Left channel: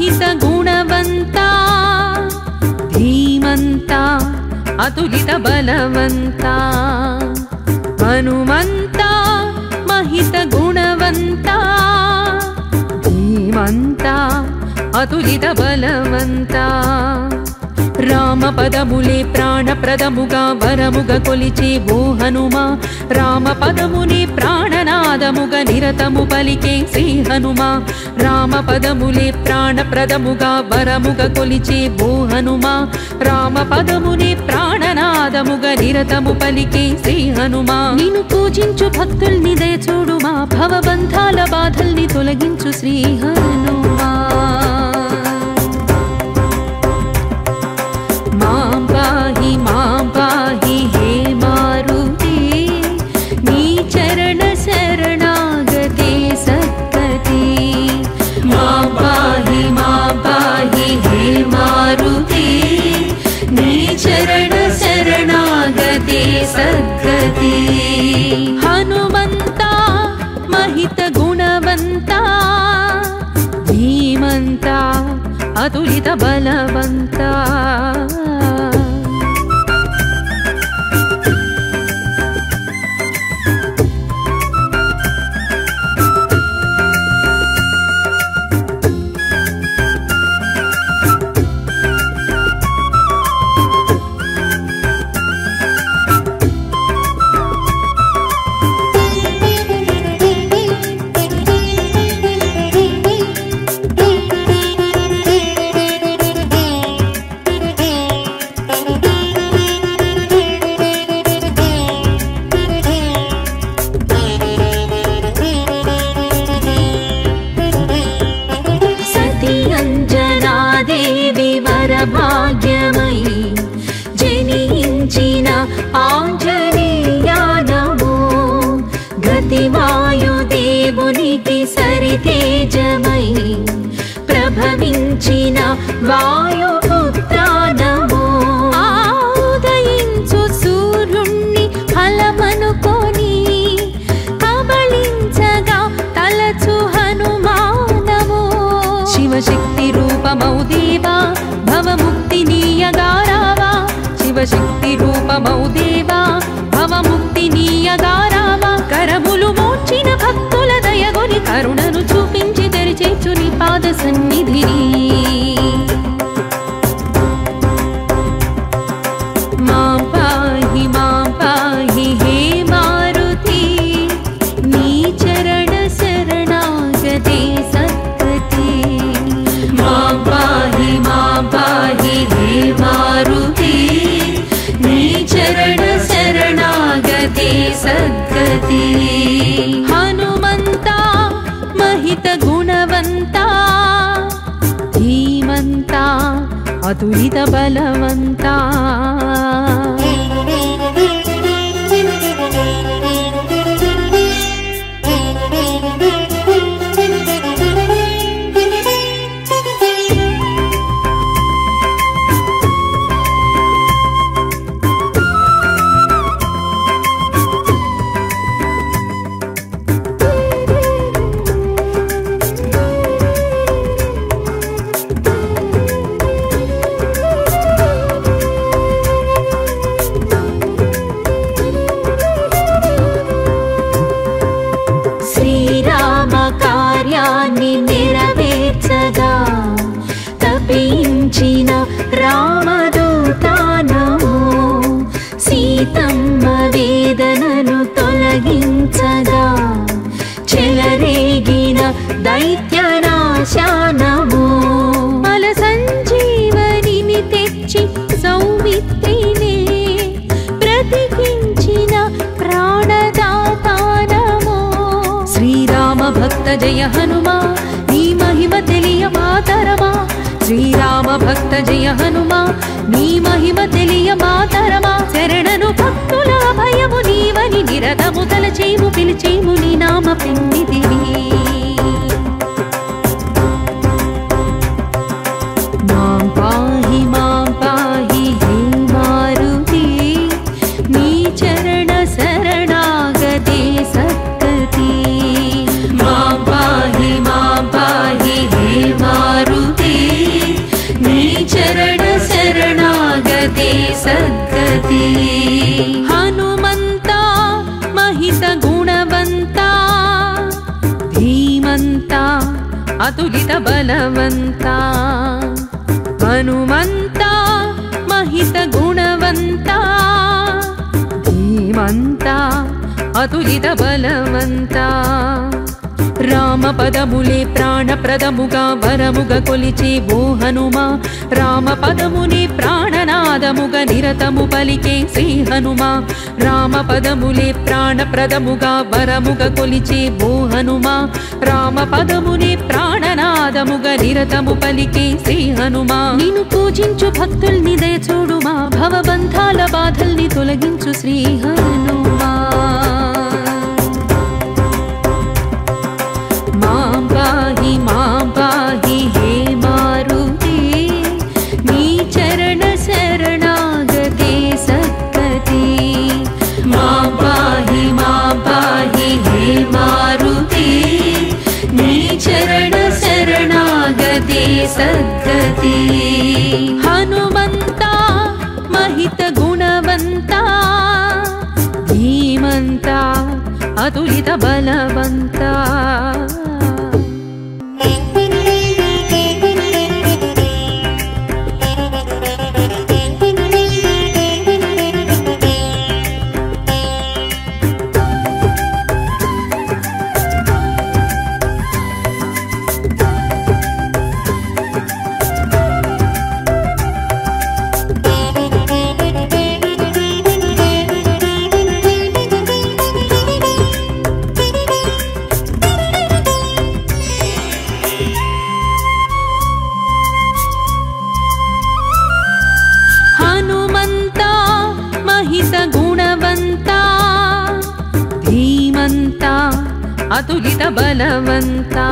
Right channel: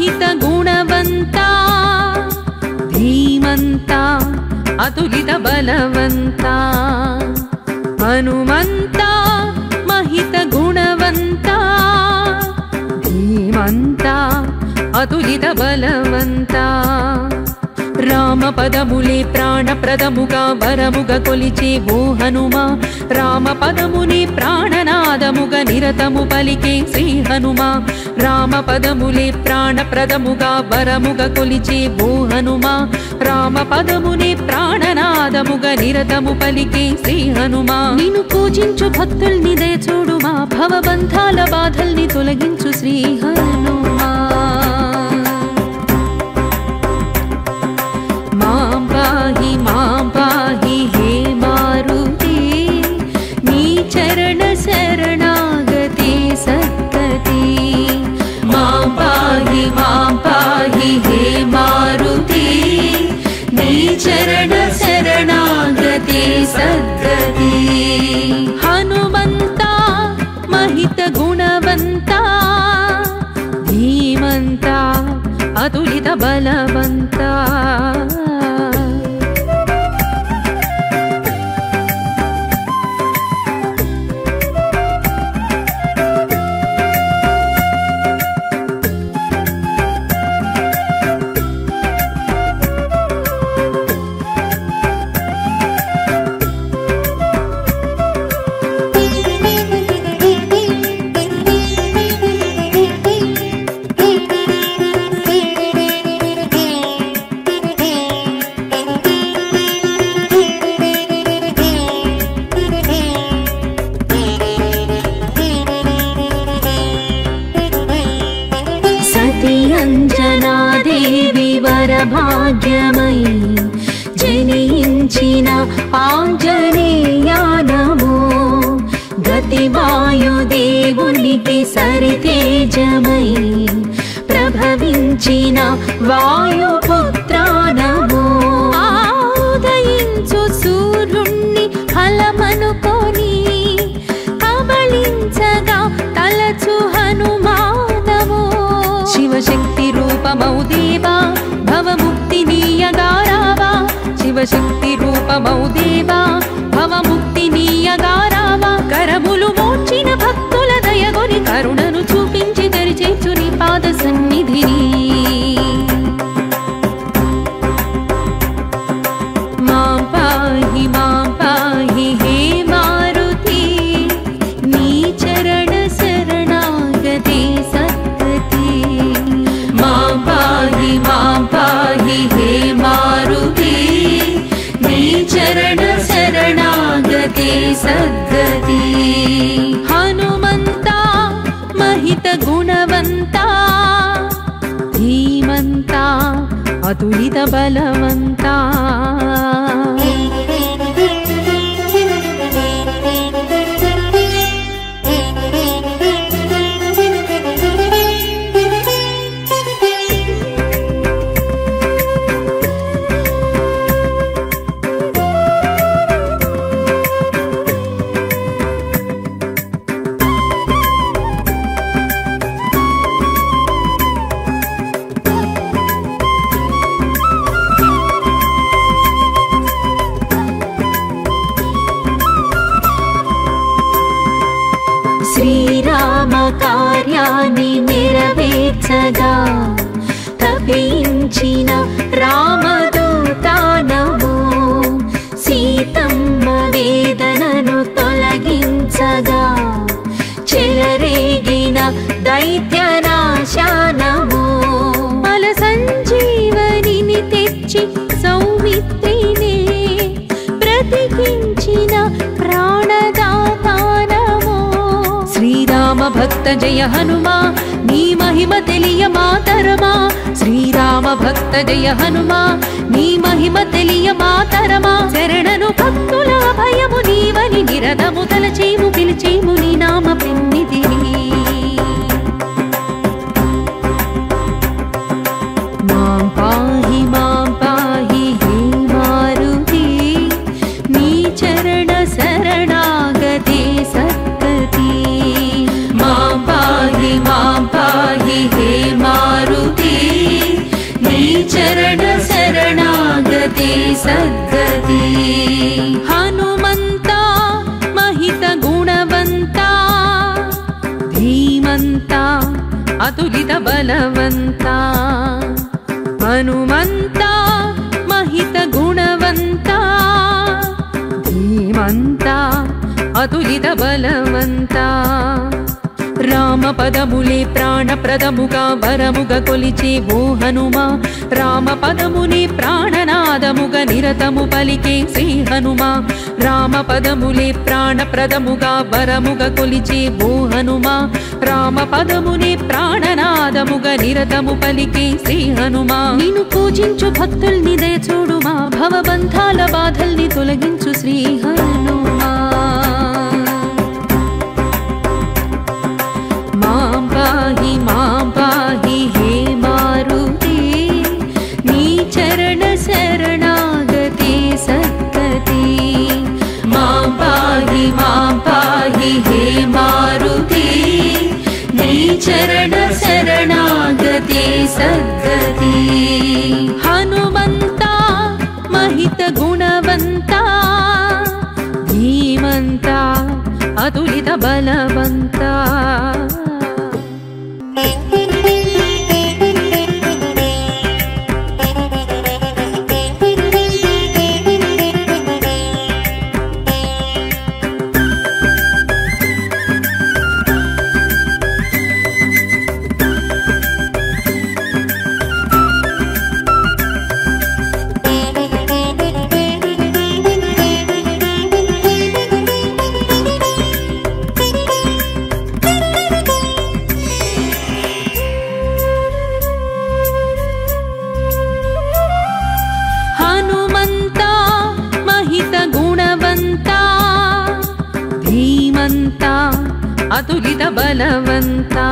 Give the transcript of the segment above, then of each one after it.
महित गुणवंता धीमंता अतुलित बलवंता हनुमंता महित गुणवंता धीमंता अतुलित बलवंता राम पदमुले प्राणप्रदमुगा वरमुग कोलिचे वो हनुमा राम पदमुने प्राणनादमुग निरतमु पलिके श्री हनुमा राम पदमुले प्राणप्रदमुगा वरमुग कोलिचे वो हनुमा राम पदमुने प्राणनादमुग निरतमु पलिके श्री हनुमा निनु पूजिंचु भक्तुल्नि दय చూడుమా భవబంధాల బాధల్ని తొలగించు శ్రీ హనుమా मां पाहि हे मारुति नी चरण शरणागते सद्गति मां पाहि हे मारुति नी चरण शरणागते सद्गति हनुमंता महित गुणवंता धीमंता अतुलित बलवंता भाग्यमयी जनिंचिन आंजनेया नमो गतिवायुदेवुनिकी सरितेजमयी प्रभविंचिन वायुपुत्रा नमो उदयिंचु सूर्युण्णि फलमनुकोनि कबलिंचगा तलचु हनुमानमो शिवशक्ति रूपमौ देवा भवमुक्तिनीयगारावा शिवशक्ति रूपमौ देवा भवमुक्तिनीयगारावा करमुलु మోర్చిన భక్తుల దయగొని కరుణను చూపించి దరిచేర్చు నీ పాద సన్నిధిని మాం పాహి హే మారుతి నీ చరణ శరణాగతే సద్గతి मां पाहि हे मारुति नी चरण शरणागते सद्गति हनुमंता महित गुणवंता धीमंता अतुलित बलवंता శ్రీరామ కార్యాన్ని నెరవేర్చగా తపించిన రామదూత నమో సీతమ్మ వేదనను తొలగించగా చెలరేగిన దైత్యనాశ నమో బల సంజీవనిని తెచ్చి సౌమిత్రినే బ్రతికించిన ప్రాణదాత నమో శ్రీరామ భక్త జయ హనుమా నీ మహిమ తెలియ మాతరమా శ్రీరామ భక్త జయ హనుమా నీ మహిమ తెలియ మాతరమా శరణను భక్తుల భయము నీవని నిరతము తలచేము పిలిచేము నీ నామ పిన్నిదిని మాం పాహి హే మారుతి నీ చరణ శరణాగతే సద్గతి मां पाहि हे मारुति ధీమంతా అతులిత బలవంతా హనుమంతా మహిత గుణవంతా ధీమంతా అతులిత బలవంతా రామ పదములే ప్రాణప్రదముగా వరముగా కొలిచే ఓ హనుమా రామ పదమునే ప్రాణనాదముగా నిరతము పలికే శ్రీ హనుమా రామ పదములే ప్రాణప్రదముగా వరముగా కొలిచే ఓ హనుమా రామ పదమునే ప్రాణనాదముగా నిరతము పలికే శ్రీ హనుమా నిన్ను పూజించు భక్తుల్ని దయ చూడుమా భవబంధాల బాధల్ని తొలగించు శ్రీ హనుమా మాం పాహి హే మారుతి నీ చరణ శరణాగతే సద్గతి మాం పాహి హే మారుతి నీ చరణ శరణాగతే సద్గతి హనుమంతా మహిత గుణవంతా ధీమంతా అతులిత బలవంతా హనుమంతా మహిత గుణవంతా ధీమంతా అతులిత బలవంతా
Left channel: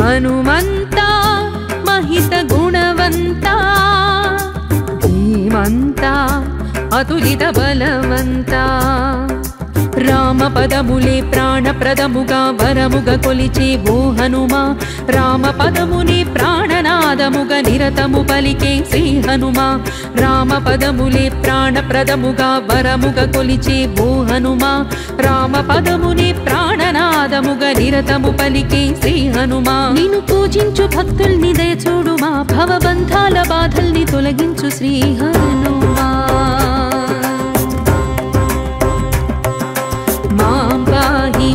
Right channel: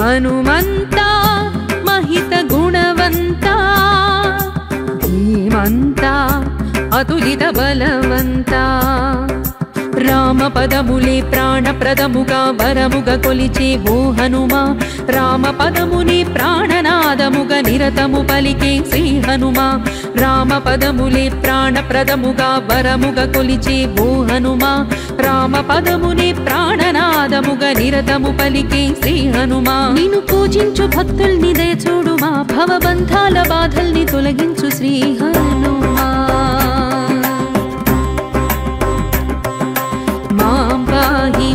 హనుమంతా మహిత గుణవంతా ధీమంతా అతులిత బలవంతా రామ పదములే ప్రాణప్రదముగా వరముగా కొలిచే ఓ హనుమా రామ పదమునే ప్రాణనాదముగా నిరతము పలికే శ్రీ హనుమా రామ పదములే ప్రాణప్రదముగా వరముగా కొలిచే ఓ హనుమా రామ పదమునే ప్రాణనాదముగా నిరతము పలికే శ్రీ హనుమా నిన్ను పూజించు భక్తుల్ని దయ చూడుమా భవబంధాల బాధల్ని తొలగించు శ్రీ హనుమా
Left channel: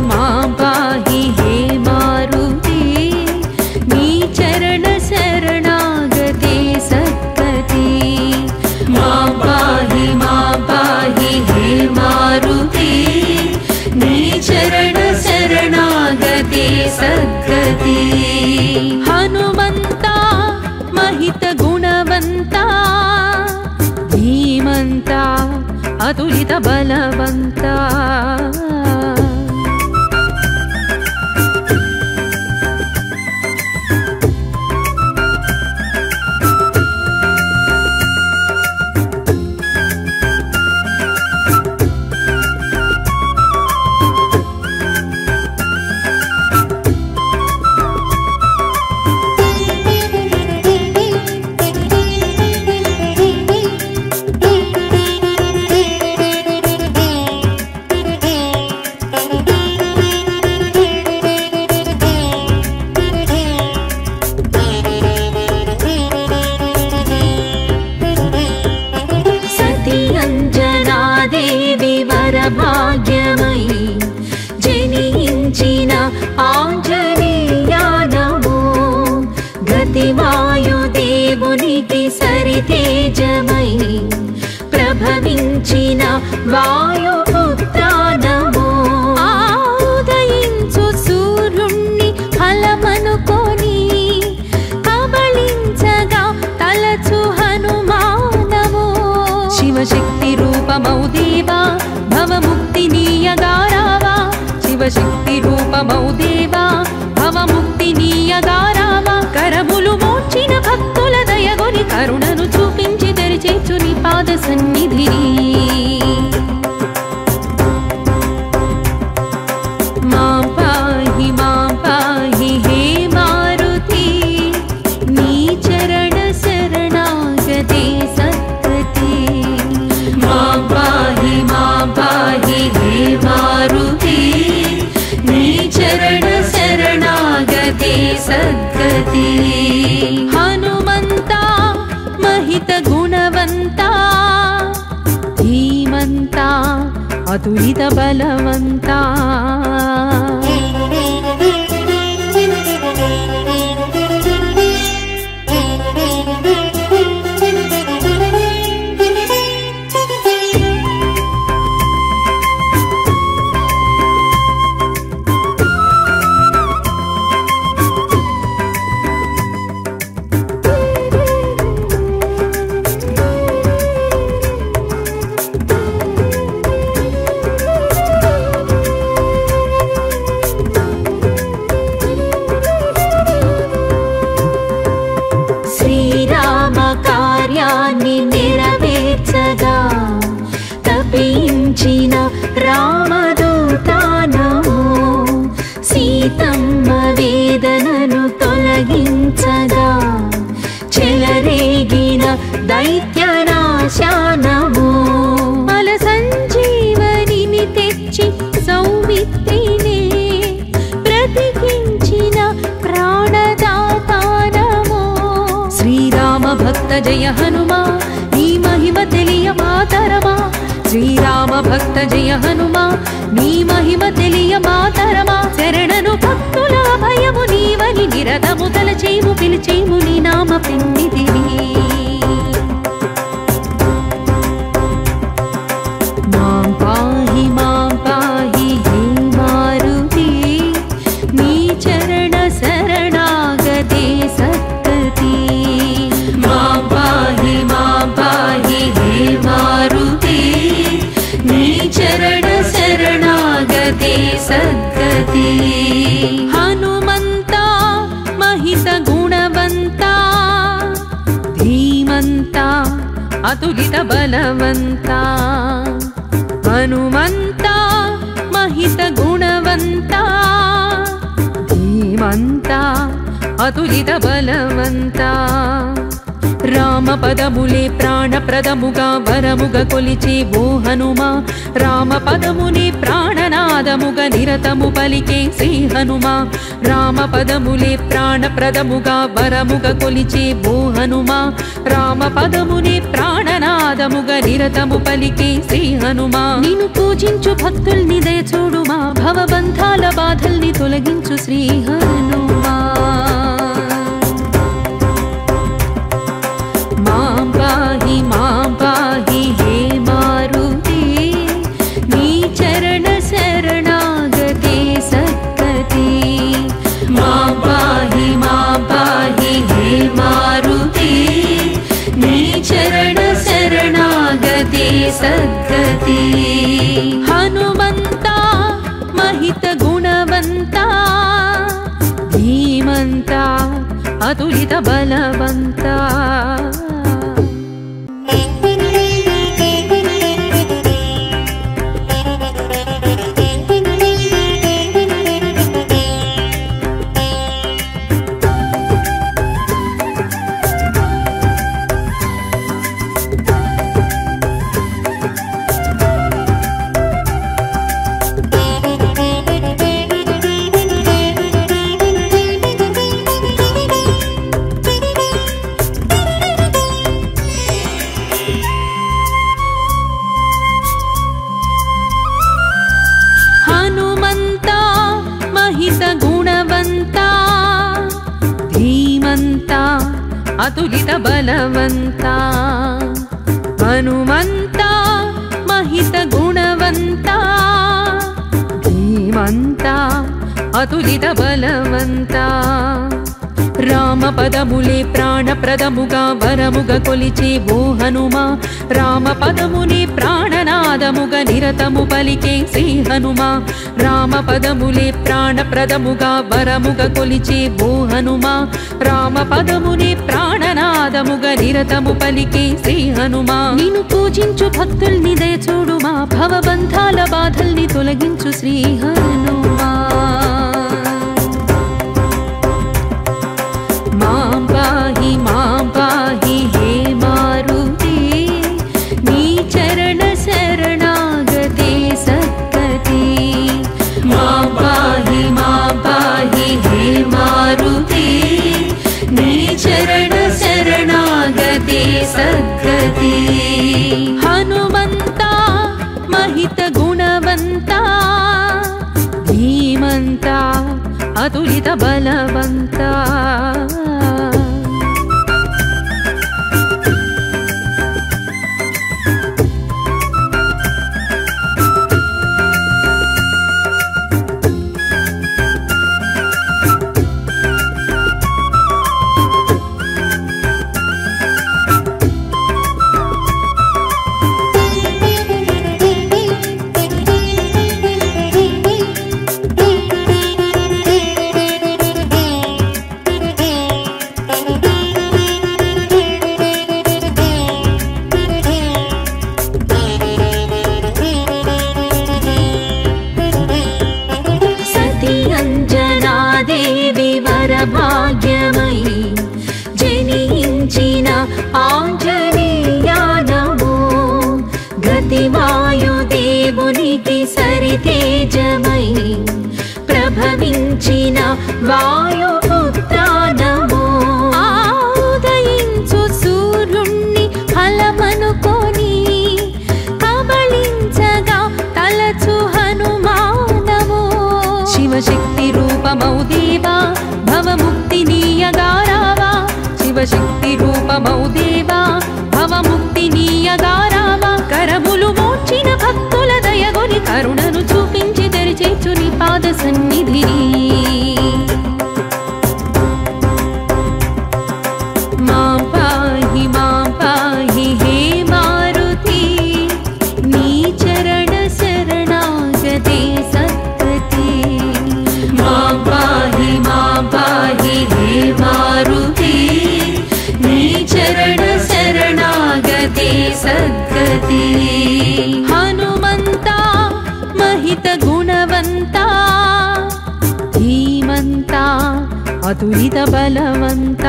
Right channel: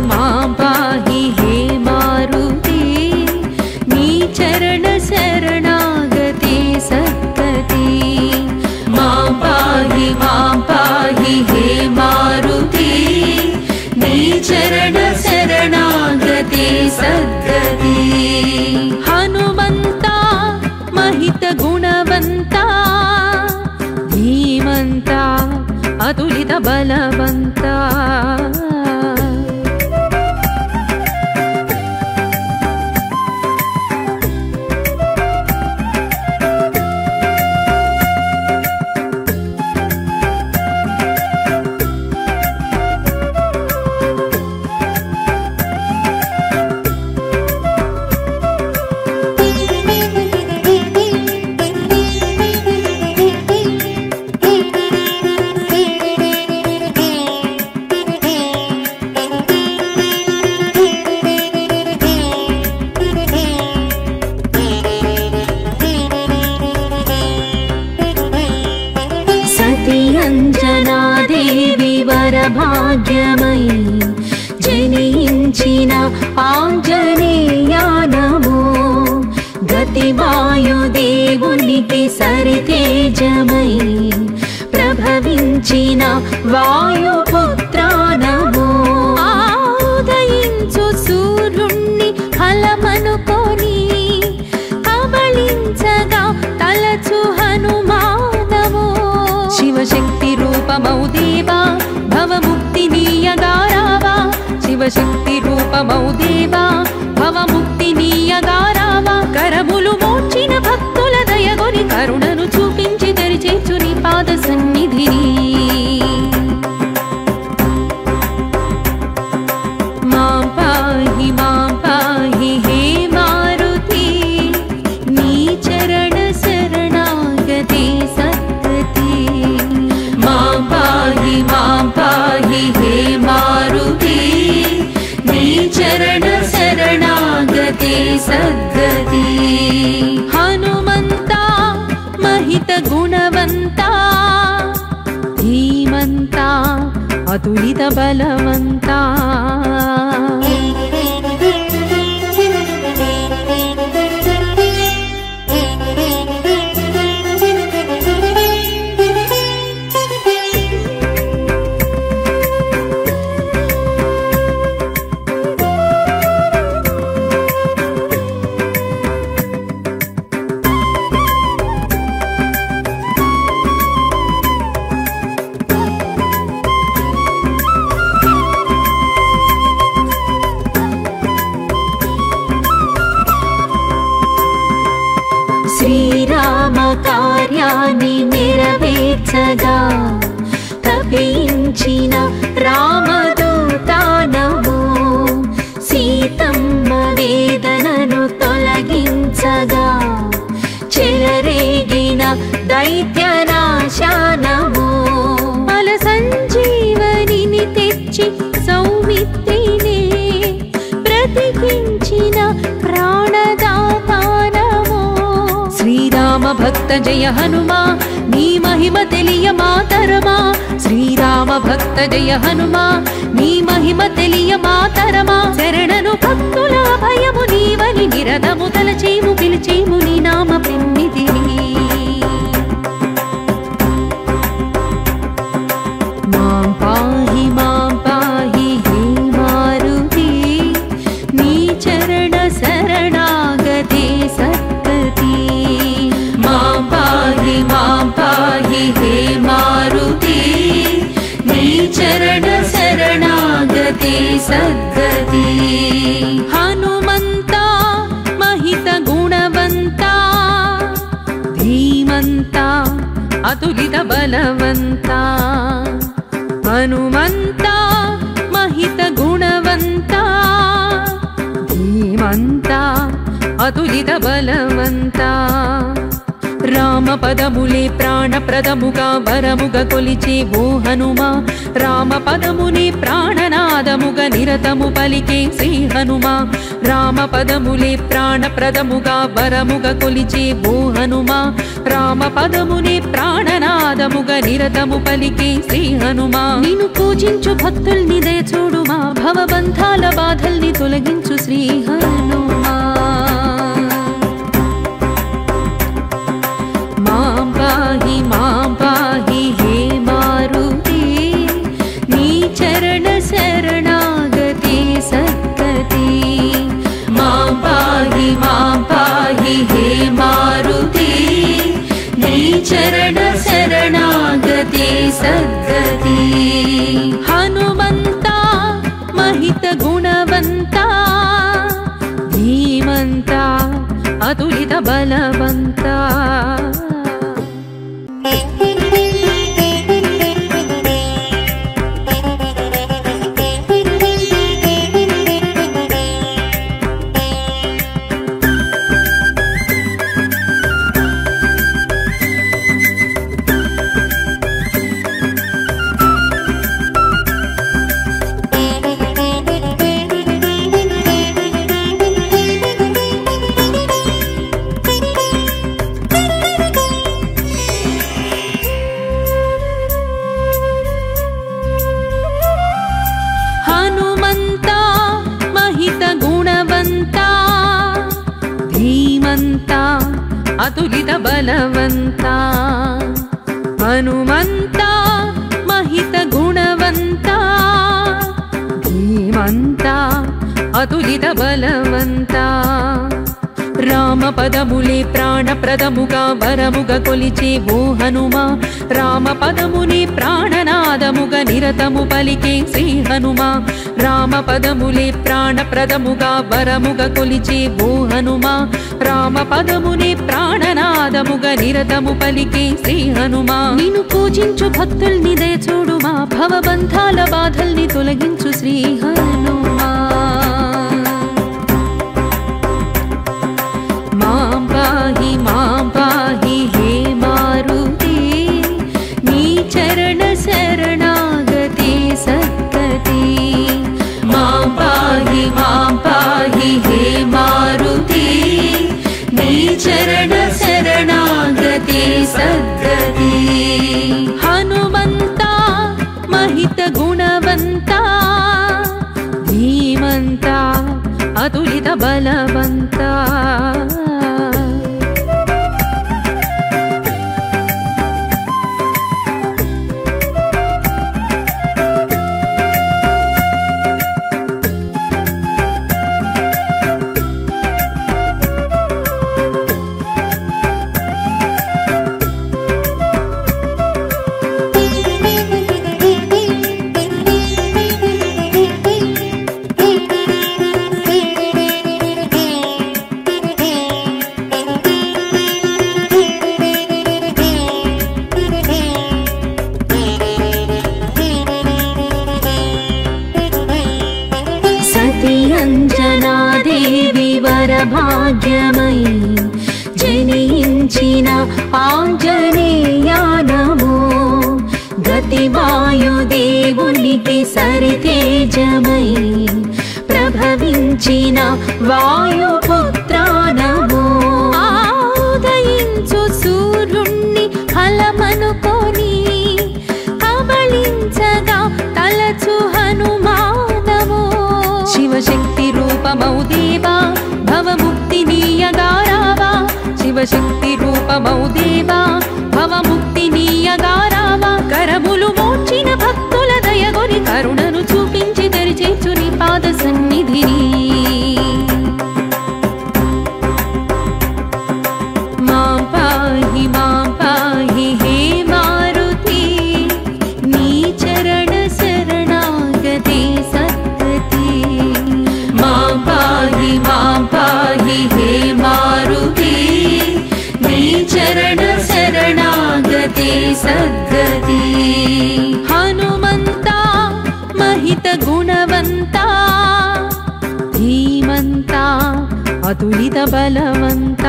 మాం పాహి హే మారుతి నీ చరణ శరణాగతే సద్గతి మాం పాహి హే మారుతి నీ చరణ శరణాగతే సద్గతి హనుమంతా మహిత గుణవంతా ధీమంతా అతులిత బలవంతా అంజనాదేవి వరభాగ్యమయి జనించిన ఆంజనేయానమో గతివాయుదేవునికి సరితేజమై ప్రభవించిన వాయుపుత్రానమో ఉదయించు సూర్యుణ్ణి ఫలమనుకొని కబళించగా తలచు హనుమానమో శివశక్తి రూపమౌ దేవా భవముక్తి నీయగారావా శివశక్తి రూపమౌ దేవా భవముక్తి నీయగారావా కరములు మోర్చిన భక్తుల దయగొని కరుణను చూపించి తెరిచేచు నీ పాద సన్నిధిని మాం పాహి హే మారుతి నీ చరణ శరణాగతే సద్గతి మాం పాహి హే మారుతి నీ చరణ శరణ सद्गति हनुमन्ता महित गुणवन्ता धीमन्ता अतुलित बलवन्ता శ్రీరామ కార్యాన్ని నెరవేర్చగా తపించిన రామదూతానము సీతమ్మ వేదనను తొలగించగా చెలరేగిన దైత్యనాశానము అల సంజీవనిని తెచ్చి సౌమిత్రినే బ్రతికించిన ప్రాణదాతానము శ్రీరామ భక్త జయ హనుమా నీ మహిమ తెలియ మాతరమా శ్రీరామ భక్త జయ హనుమా నీ మహిమ తెలియ మాతరమా శరణను భక్తుల భయము నీవని నిరతము తలచేము పిలిచేము నీ నామ పిన్నిదిని మాం పాహి హే మారుతి నీ చరణ శరణాగతే సద్గతి మాం పాహి హే మారుతి నీ చరణ శరణాగతే సద్గతి హనుమంతా महित गुणवन्ता धीमन्ता अतुलित बलवन्ता हनुमन्ता महित गुणवन्ता धीमन्ता अतुलित बलवन्ता రామ పదములే ప్రాణప్రదముగా వరముగ కొలిచే ఓ హనుమా రామ పదమునే ప్రాణనాదముగా నిరతము పలికే శ్రీ హనుమా రామ పదములే ప్రాణప్రదముగా వరముగ కొలిచే ఓ హనుమా రామ పదమునే ప్రాణనాదముగా నిరతము పలికే శ్రీ హనుమా నిన్ను పూజించు భక్తుల్ని దయచూడుమా భవబంధాల బాధల్ని తొలగించు శ్రీ హనుమా మాం పాహి హే మారుతి నీ చరణ శరణాగతే సద్గతి మాం పాహి హే మారుతి నీ చరణ శరణాగతే సద్గతి హనుమంతా महित गुणवन्ता धीमन्ता अतुलित बलवन्ता महित गुणवन्ता धीमन्ता अतुलित बलवन्ता हनुमन्ता महित गुणवन्ता धीमन्ता अतुलित बलवन्ता రామ పదములే ప్రాణప్రదముగా వరముగ కొలిచే ఓ హనుమా రామ పదమునే ప్రాణనాదముగా నిరతము పలికే శ్రీ హనుమా రామ పదములే ప్రాణప్రదముగా వరముగ కొలిచే ఓ హనుమా రామ పదమునే ప్రాణనాదముగా నిరతము పలికే శ్రీ హనుమా నిన్ను పూజించు భక్తుల్ని దయచూడుమా భవబంధాల బాధల్ని తొలగించు శ్రీ హనుమా మాం పాహి హే మారుతి నీ చరణ శరణాగతే సద్గతి మాం పాహి హే మారుతి ధీమంత అతులిత బలవంత అంజనాదేవి వరభాగ్యమయి జనించిన ఆంజనేయ నమో గతివాయుదేవునికి సరితేజమయి ప్రభవించిన వాయుపుత్ర నమో ఉదయించు సూర్యుణ్ణి ఫలమనుకొని కబళించగా తలచు హనుమానమో శివశక్తి రూపమౌ దేవా భవముక్తినీయగారావా శివశక్తి రూపమౌ దేవా భవముక్తినీయగారావా కరములు మోర్చిన భక్తుల దయగొని కరుణను చూపించి తెరిచేర్చు నీ పాద సన్నిధిని మాం పాహి హే మారుతి నీ చరణ శరణాగతే సద్గతి మాం పాహి హే మారుతి నీ చరణ శరణాగతే సద్గతి హనుమంత మహిత గుణవంత ధీమంత అతులిత బలవంత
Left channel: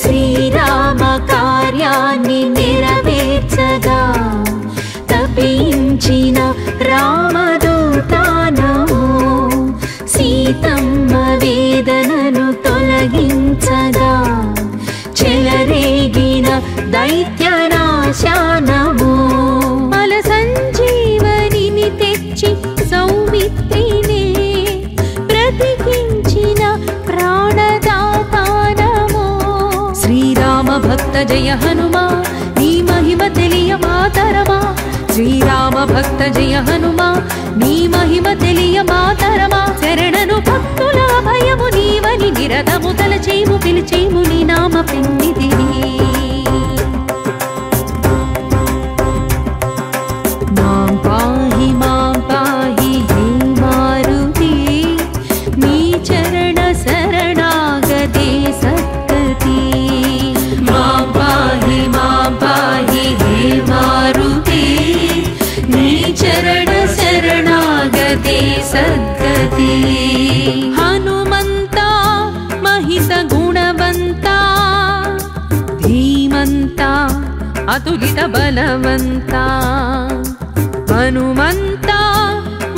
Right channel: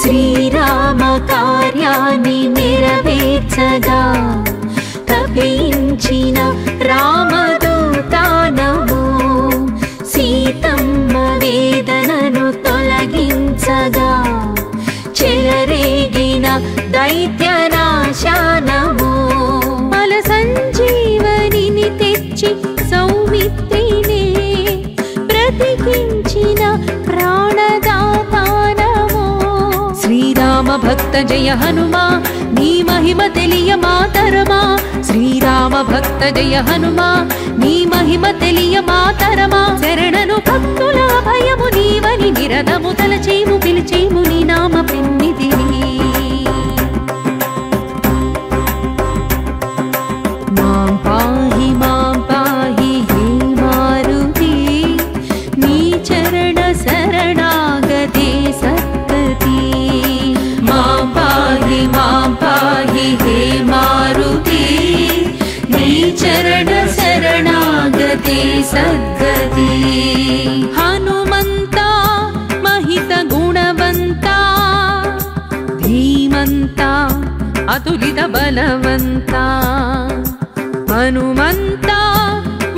శ్రీరామ కార్యాన్ని నెరవేర్చగా తపించిన రామదూత నమో సీతమ్మ వేదనను తొలగించగా చెలరేగిన దైత్యనాశ నమో బల సంజీవనిని తెచ్చి సౌమిత్రినే బ్రతికించిన ప్రాణదాత నమో శ్రీరామ భక్త జయ హనుమా నీ మహిమ తెలియ మాతరమా శ్రీరామ భక్త జయ హనుమా నీ మహిమ తెలియ మాతరమా శరణను భక్తుల భయము నీవని నిరతము తలచేము పిలిచేము నీ నామ పిన్నిదిని మాం పాహి హే మారుతి నీ చరణ శరణాగతే సద్గతి మాం పాహి హే మారుతి నీ చరణ శరణాగతే సద్గతి హనుమంత మహిత గుణవంత ధీమంత అతులిత బలవంత హనుమంత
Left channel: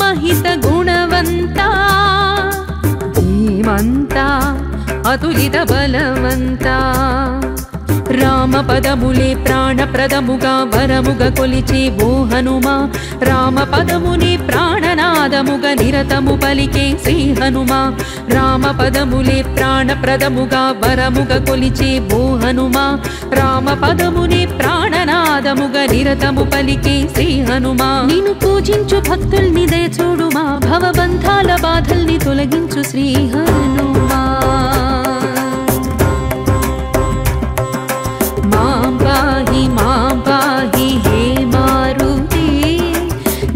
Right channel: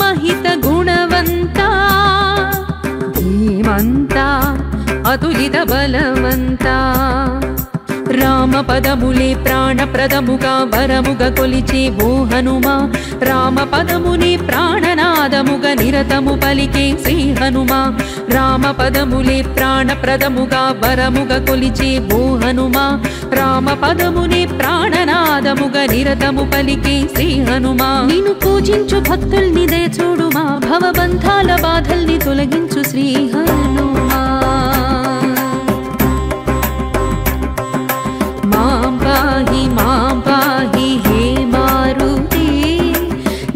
మహిత గుణవంత ధీమంత అతులిత బలవంత రామ పదములే ప్రాణప్రదముగా వరముగా కొలిచే ఓ హనుమా రామ పదమునే ప్రాణనాదముగా నిరతము పలికే శ్రీ హనుమా రామ పదములే ప్రాణప్రదముగా వరముగా కొలిచే ఓ హనుమా రామ పదమునే ప్రాణనాదముగా నిరతము పలికే శ్రీ హనుమా నిన్ను పూజించు భక్తుల్ని దయ చూడుమా భవబంధాల బాధల్ని తొలగించు శ్రీ హనుమా మాం పాహి హే మారుతి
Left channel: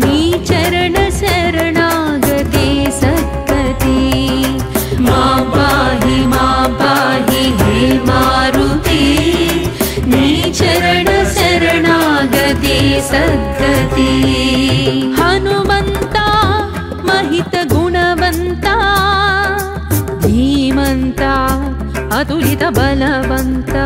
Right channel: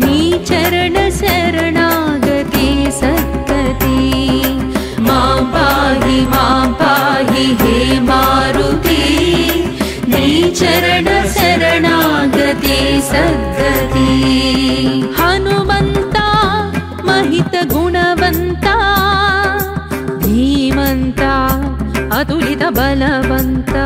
నీ చరణ శరణాగతే సద్గతి మాం పాహి హే మారుతి నీ చరణ శరణాగతే సద్గతి హనుమంత మహిత గుణవంత ధీమంత అతులిత బలవంత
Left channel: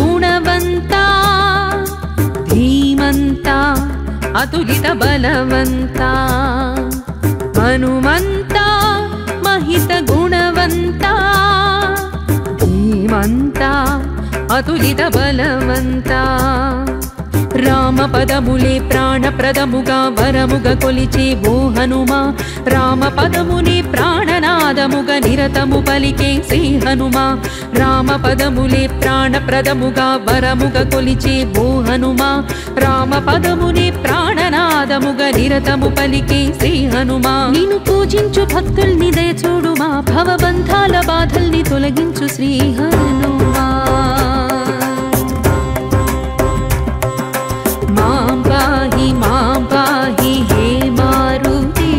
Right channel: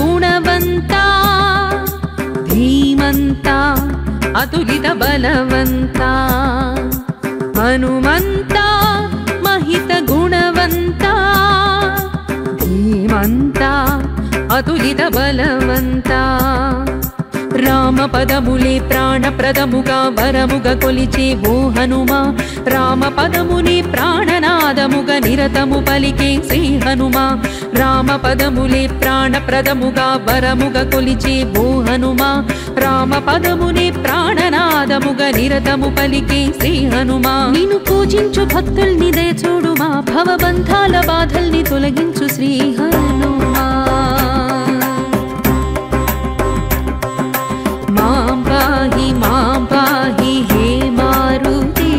గుణవంత ధీమంత అతులిత బలవంత హనుమంత మహిత గుణవంత ధీమంత అతులిత బలవంత రామ పదములే ప్రాణప్రదముగా వరముగా కొలిచే ఓ హనుమా రామ పదమునే ప్రాణనాదముగా నిరతము పలికే శ్రీ హనుమా రామ పదములే ప్రాణప్రదముగా వరముగా కొలిచే ఓ హనుమా రామ పదమునే ప్రాణనాదముగా నిరతము పలికే శ్రీ హనుమా నిన్ను పూజించు భక్తుల్ని దయచూడుమా భవబంధాల బాధల్ని తొలగించు శ్రీ హనుమా मां पाहि हे मारुति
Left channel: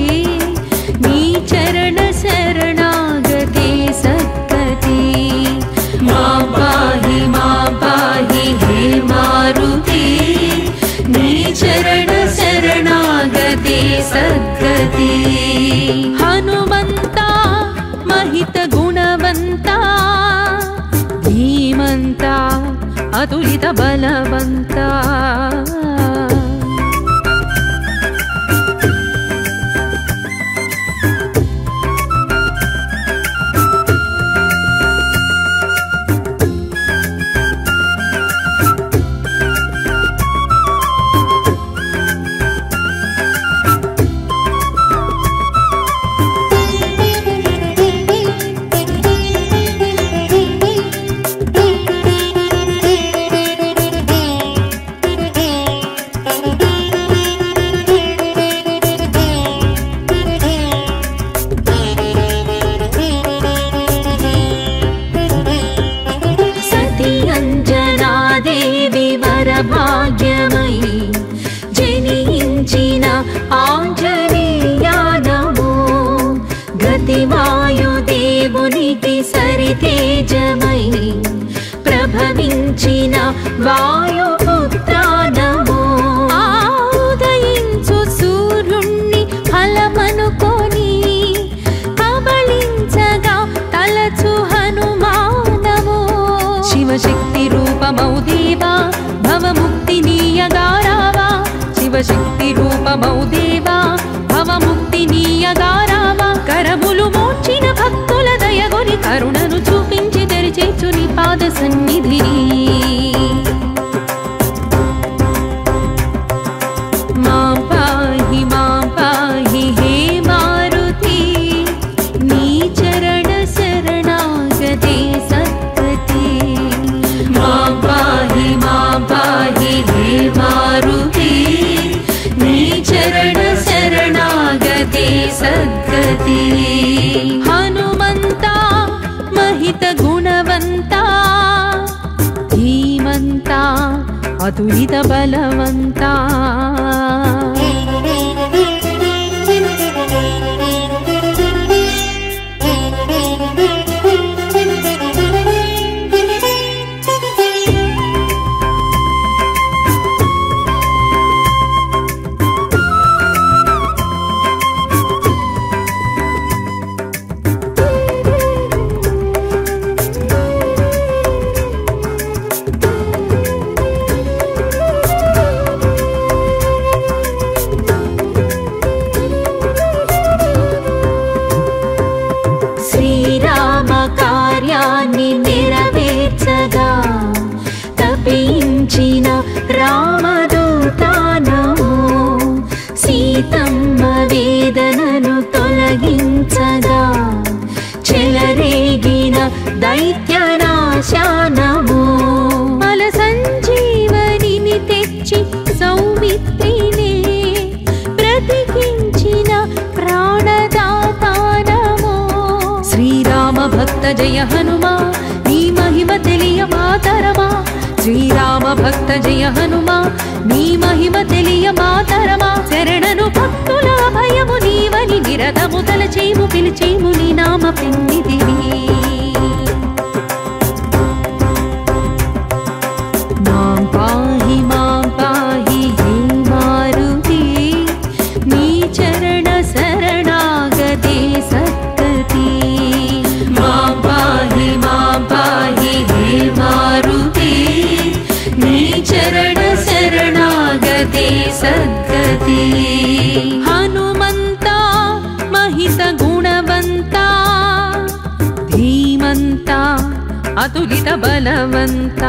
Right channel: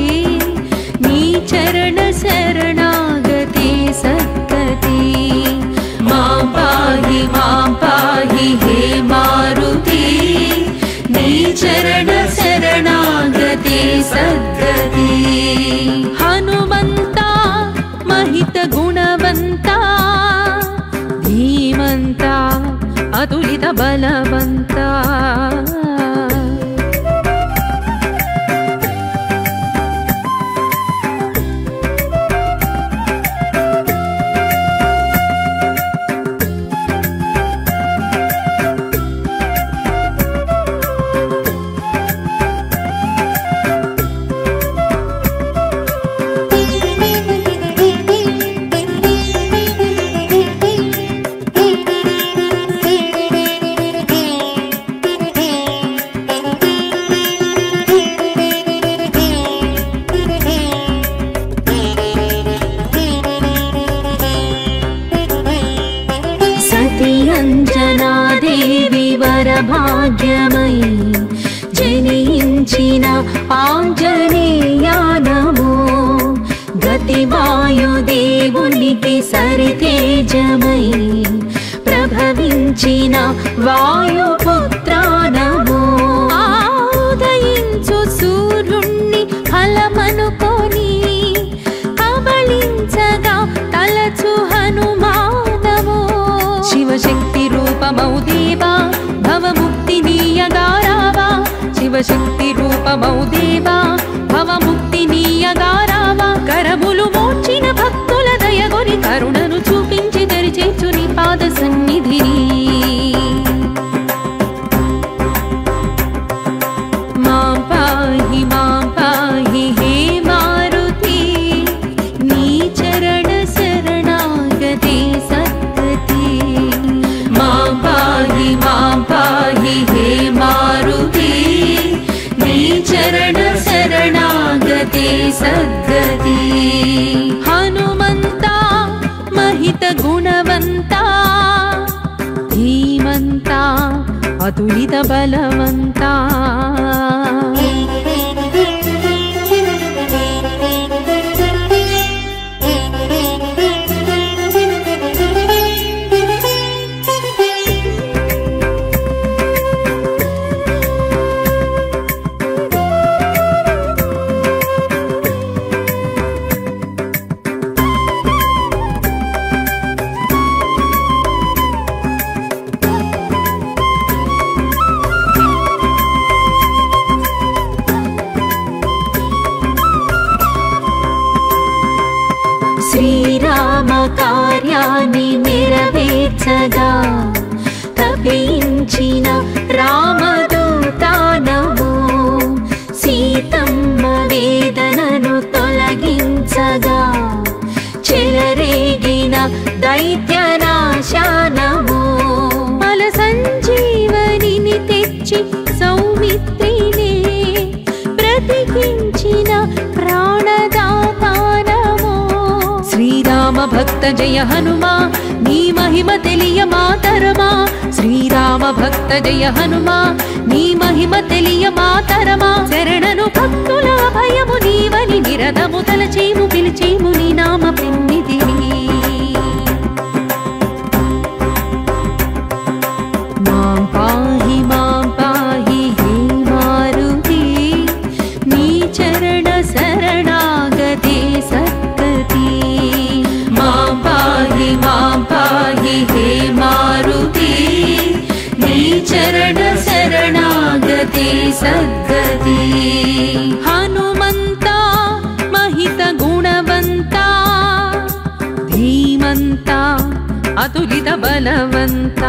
नी चरण शरणागते सद्गति मां पाहि हे मारुति नी चरण शरणागते सद्गति हनुमन्ता महित गुणवन्ता धीमन्ता अतुलित बलवन्ता अंजनादेवी वरभाग्यमयी जनिंचिन आंजनेया नमो गतिवायुदेवुनिकी सरितेजमयी प्रभविंचिन वायुपुत्रा नमो उदयिंचु सूर्युण्णि फलमनुकोनि कबलिंचगा तलचु हनुमानमो शिवशक्ति रूपमौ देवा भवमुक्तिनीयगारावा शिवशक्ति रूपमौ देवा भवमुक्तिनीयगारावा करमुलु మోర్చిన భక్తుల దయగొని కరుణను చూపించి తెరిచేచు నీ పాద సన్నిధిని మాం పాహి హే మారుతి నీ చరణ శరణాగతే సద్గతి मां पाहि हे मारुति नी चरण शरणागते सद्गति हनुमन्ता महित गुणवन्ता धीमन्ता अतुलित बलवन्ता శ్రీరామ కార్యాన్ని నెరవేర్చగా తపించిన రామదూత నమో సీతమ్మ వేదనను తొలగించగా దైత్యనాశా నమో బల సంజీవనిని తెచ్చి సౌమిత్రినే బ్రతికించిన ప్రాణదాత నమో శ్రీరామ భక్త జయ హనుమా నీ మహిమ తెలియ మాతరమా శ్రీరామ భక్త జయ హనుమా నీ మహిమ తెలియ మాతరమా శరణను భక్తుల భయము నీవని నిరతము తలచేము పిలిచేము నీ నామ పెన్నిదివి మాం పాహి హే మారుతి నీ చరణ శరణాగతే సద్గతి మాం పాహి హే మారుతి నీ చరణ శరణాగతే సద్గతి హనుమంత మహిత గుణవంత ధీమంత అతులిత బలవంత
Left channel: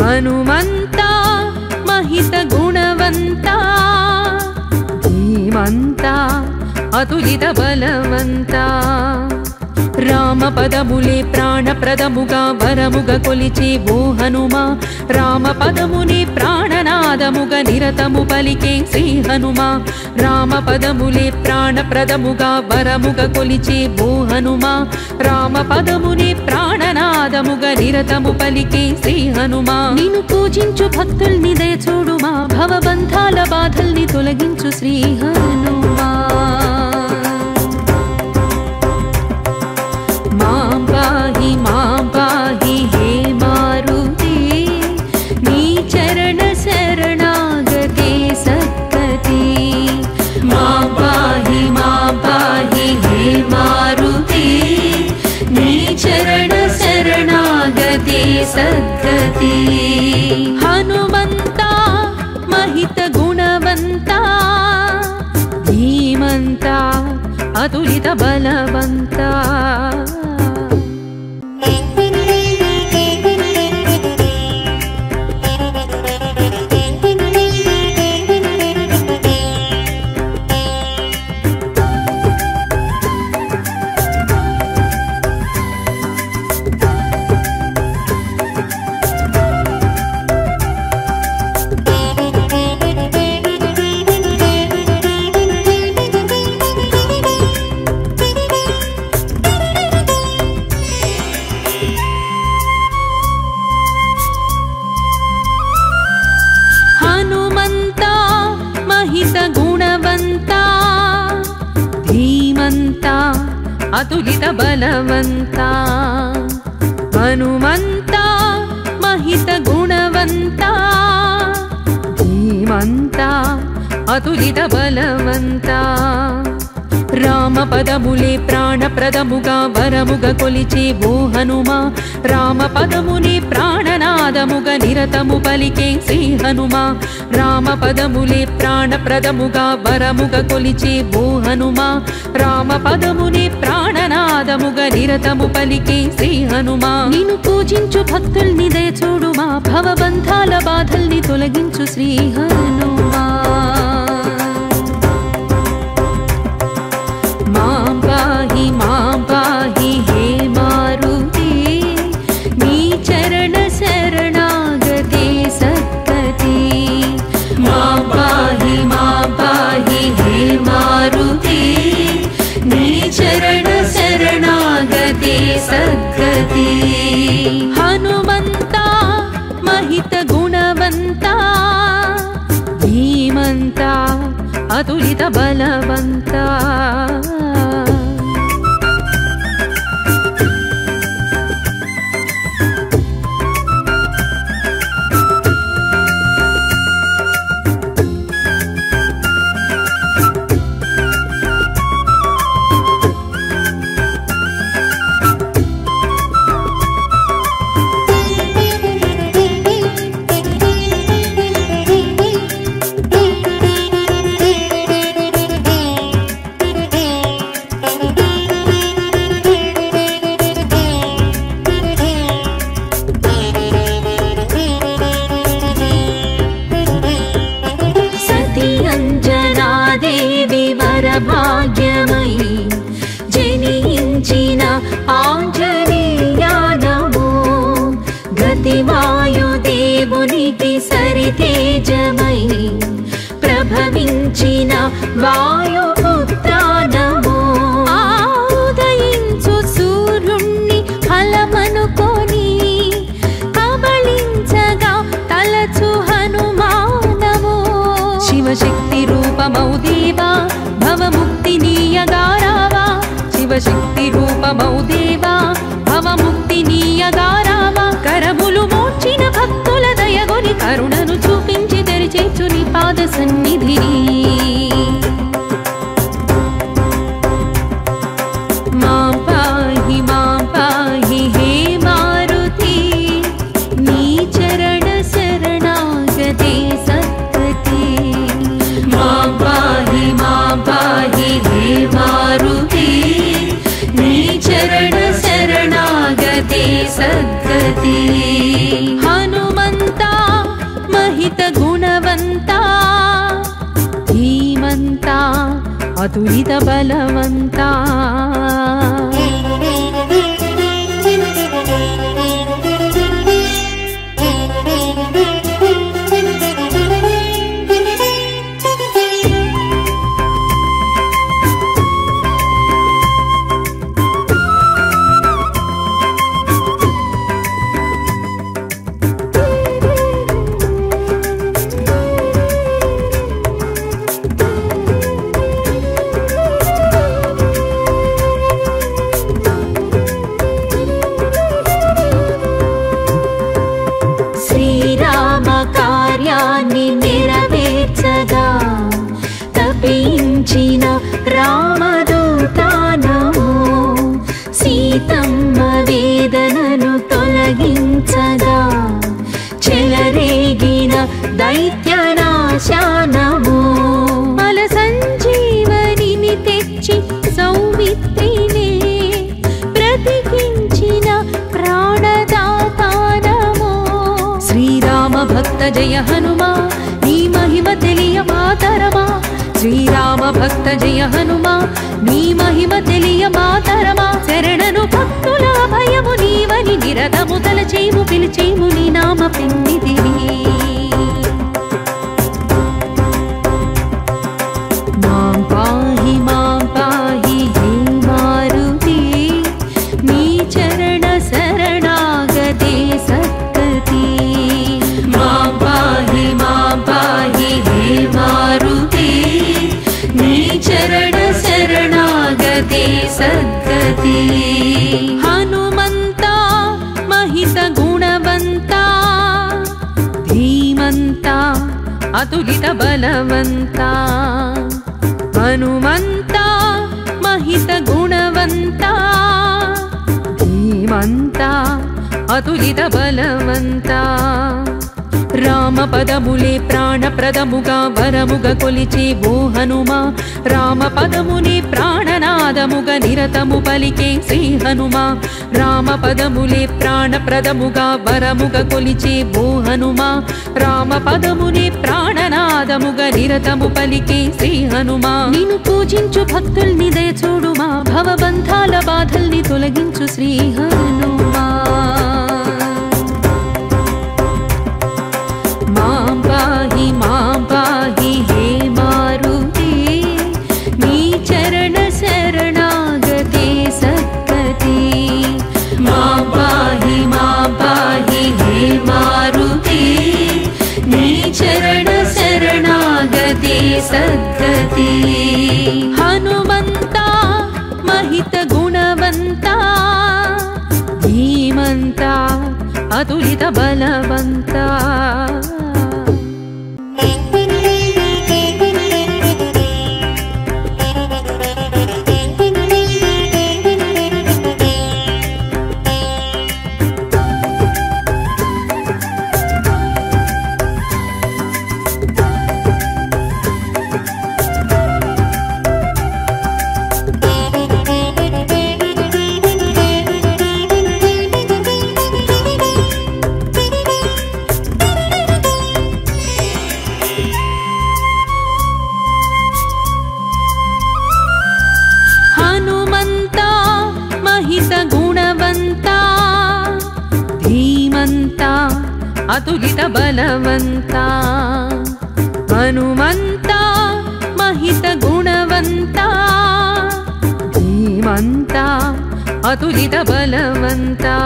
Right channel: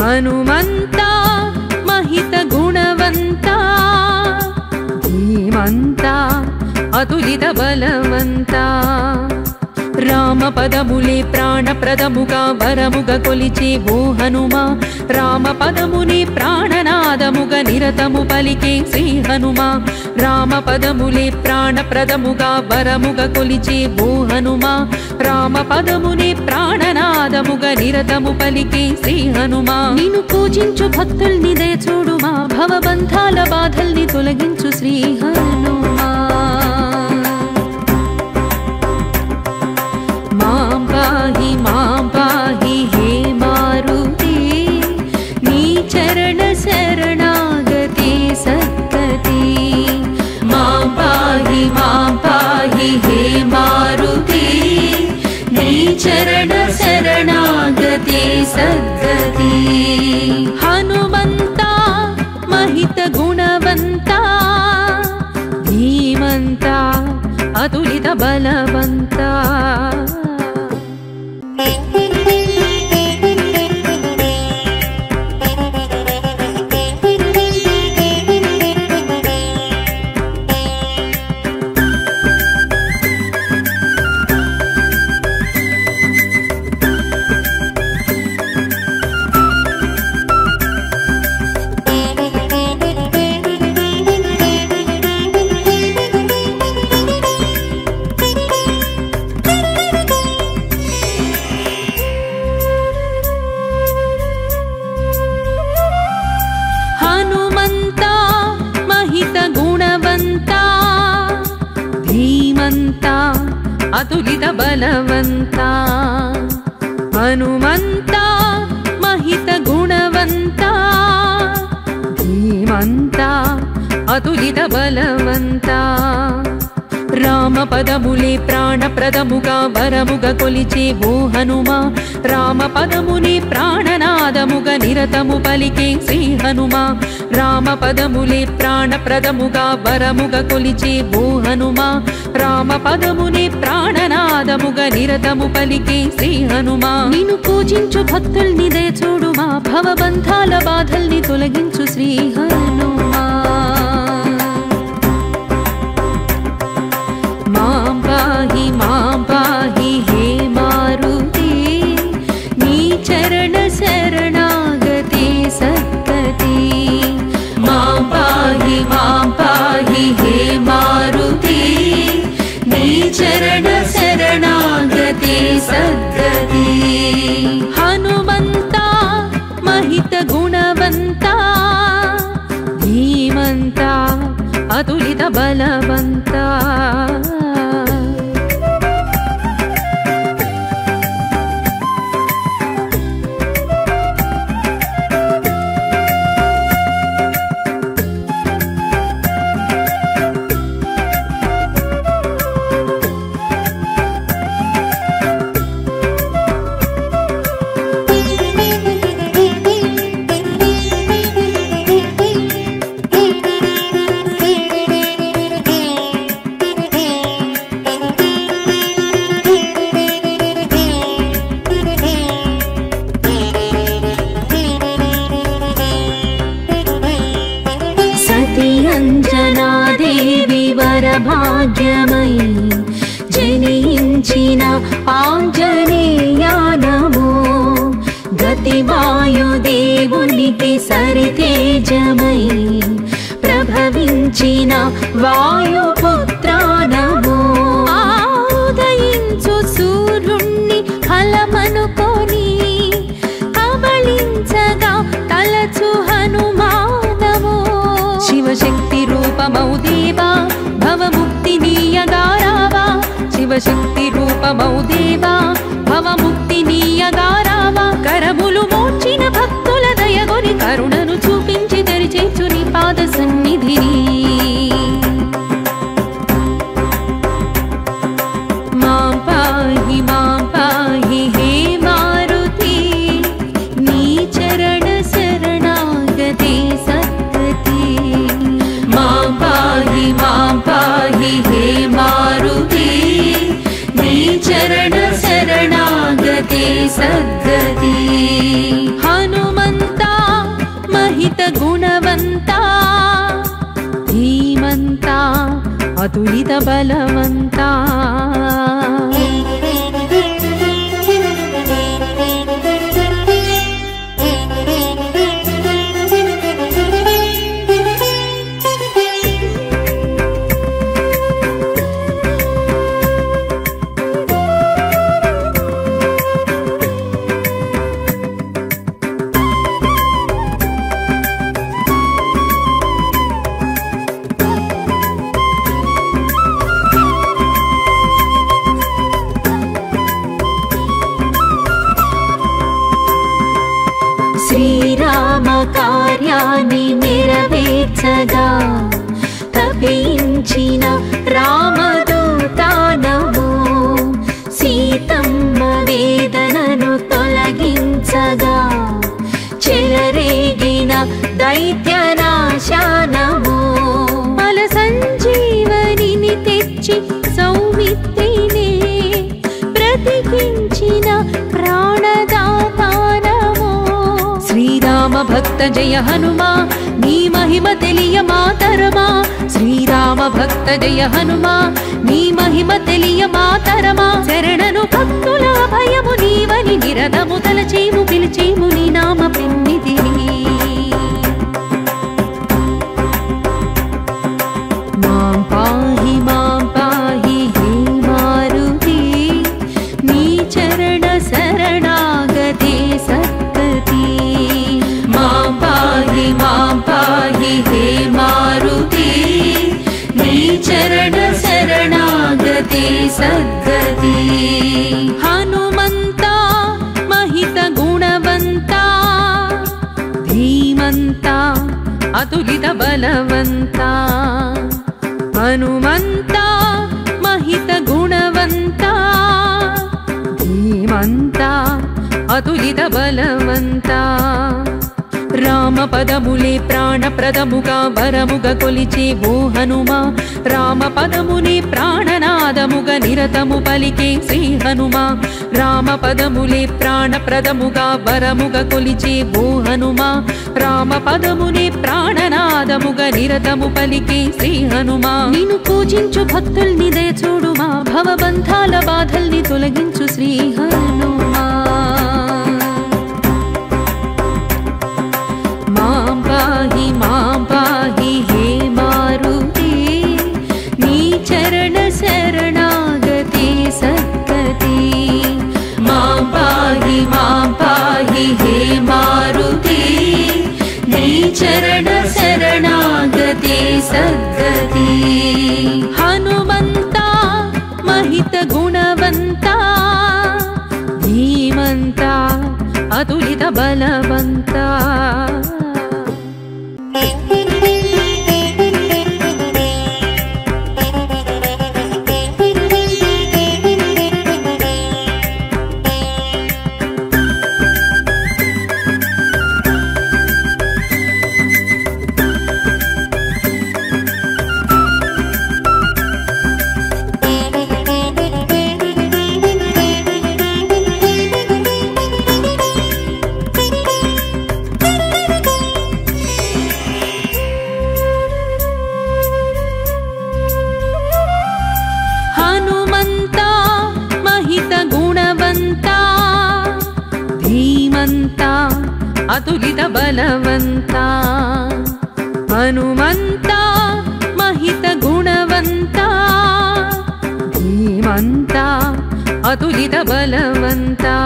హనుమంత మహిత గుణవంత ధీమంత అతులిత బలవంత రామ పదములే ప్రాణప్రదముగా వరముగా కొలిచే ఓ హనుమా రామ పదమునే ప్రాణనాదముగా నిరతము పలికే శ్రీ హనుమా రామ పదములే ప్రాణప్రదముగా వరముగా కొలిచే ఓ హనుమా రామ పదమునే ప్రాణనాదముగా నిరతము పలికే శ్రీ హనుమా నిన్ను పూజించు భక్తుల్ని దయ చూడుమా భవబంధాల బాధల్ని తొలగించు శ్రీ హనుమా మాం పాహి హే మారుతి నీ చరణ శరణాగతే సద్గతి మాం పాహి హే మారుతి నీ చరణ శరణాగతే సద్గతి హనుమంత మహిత గుణవంత ధీమంత అతులిత బలవంత గుణవంత ధీమంత అతులిత బలవంత హనుమంత మహిత గుణవంత ధీమంత అతులిత బలవంత రామ పదములే ప్రాణప్రదముగా వరముగా కొలిచే ఓ హనుమా రామ పదమునే ప్రాణనాదముగా నిరతము పలికే శ్రీ హనుమా రామ పదములే ప్రాణప్రదముగా వరముగా కొలిచే ఓ హనుమా రామ పదమునే ప్రాణనాదముగా నిరతము పలికే శ్రీ హనుమా నిన్ను పూజించు భక్తుల్ని దయ చూడుమా భవబంధాల బాధల్ని తొలగించు శ్రీ హనుమా మాం పాహి హే మారుతి నీ చరణ శరణాగతే సద్గతి మాం పాహి హే మారుతి నీ చరణ శరణాగతే సద్గతి హనుమంత మహిత గుణవంత ధీమంత అతులిత బలవంత ఉదయించిన వాయుపుత్ర నమో ఉదయించు సూర్యుణ్ణి ఫలమనుకొని కబళించగా తలచు హనుమానమో శివశక్తి రూపమౌ దేవా భవముక్తినీయగా రావా శివశక్తి రూపమౌ దేవా భవముక్తినీయగా రావా కరములు మోర్చిన భక్తుల దయగొని కరుణను చూపించి తెరిచేచు నీ పాద సన్నిధిని మాం పాహి హే మారుతి నీ చరణ శరణాగతే సద్గతి మాం పాహి హే మారుతి నీ చరణ శరణాగతే సద్గతి హనుమంతా మహిత గుణవంతా ధీమంతా అతులిత బలవంతా శ్రీరామ కార్యాన్ని నెరవేర్చగా తపించిన రామదూత నమో సీతమ్మ వేదనను తొలగించగా చెలరేగిన దైత్యనాశ నమో బల సంజీవనిని తెచ్చి సౌమిత్రినే బ్రతికించిన ప్రాణదాత నమో శ్రీరామ భక్త జయ హనుమా నీ మహిమ తెలియ మాతరమా శ్రీరామ భక్త జయ హనుమా నీ మహిమ తెలియ మాతరమా శరణను భక్తుల భయము నీవని నిరతము తలచేము పిలిచేము నీ నామ పిన్నిదిని మాం పాహి హే మారుతి నీ చరణ శరణాగతే సద్గతి మాం పాహి హే మారుతి నీ చరణ శరణాగతే సద్గతి హనుమంతా మహిత గుణవంతా ధీమంతా అతులిత బలవంతా హనుమంతా మహిత గుణవంతా ధీమంతా అతులిత బలవంతా రామ పదములే ప్రాణప్రదముగా వరముగా కొలిచే ఓ హనుమా రామ పదమునే ప్రాణనాదముగా నిరతము పలికే శ్రీ హనుమా రామ పదములే ప్రాణప్రదముగా వరముగా కొలిచే ఓ హనుమా రామ పదమునే ప్రాణనాదముగా నిరతము పలికే శ్రీ హనుమా నిన్ను పూజించు భక్తుల్ని దయ చూడుమా భవబంధాల బాధల్ని తొలగించు శ్రీ హనుమా మాం పాహి హే మారుతి నీ చరణ శరణాగతే సద్గతి మాం పాహి హే మారుతి నీ చరణ శరణాగతే సద్గతి హనుమంతా మహిత గుణవంతా ధీమంతా అతులిత బలవంతా గుణవంతా ధీమంతా అతులిత బలవంతా హనుమంతా महित गुणवंता धीमंता अतुलित बलवंता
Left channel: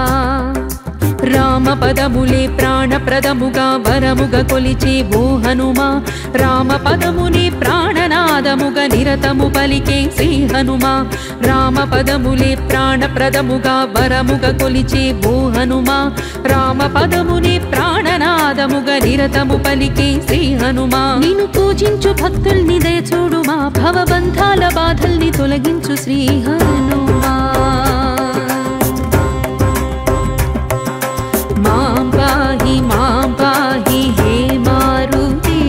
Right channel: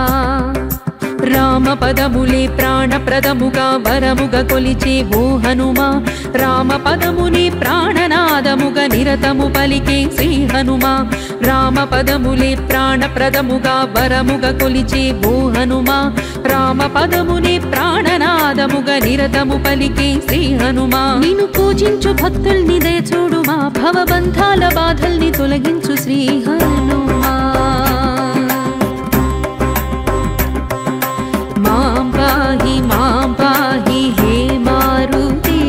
రామ పదములే ప్రాణప్రదముగా వరముగా కొలిచే ఓ హనుమా రామ పదముని ప్రాణనాదముగా నిరతము పలికే శ్రీ హనుమా రామ పదములే ప్రాణప్రదముగా వరముగా కొలిచే ఓ హనుమా రామ పదముని ప్రాణనాదముగా నిరతము పలికే శ్రీ హనుమా నిన్ను పూజించు భక్తుల్ని దయచూడుమా భవబంధాల బాధల్ని తొలగించు శ్రీ హనుమా मां पाहि हे मारुति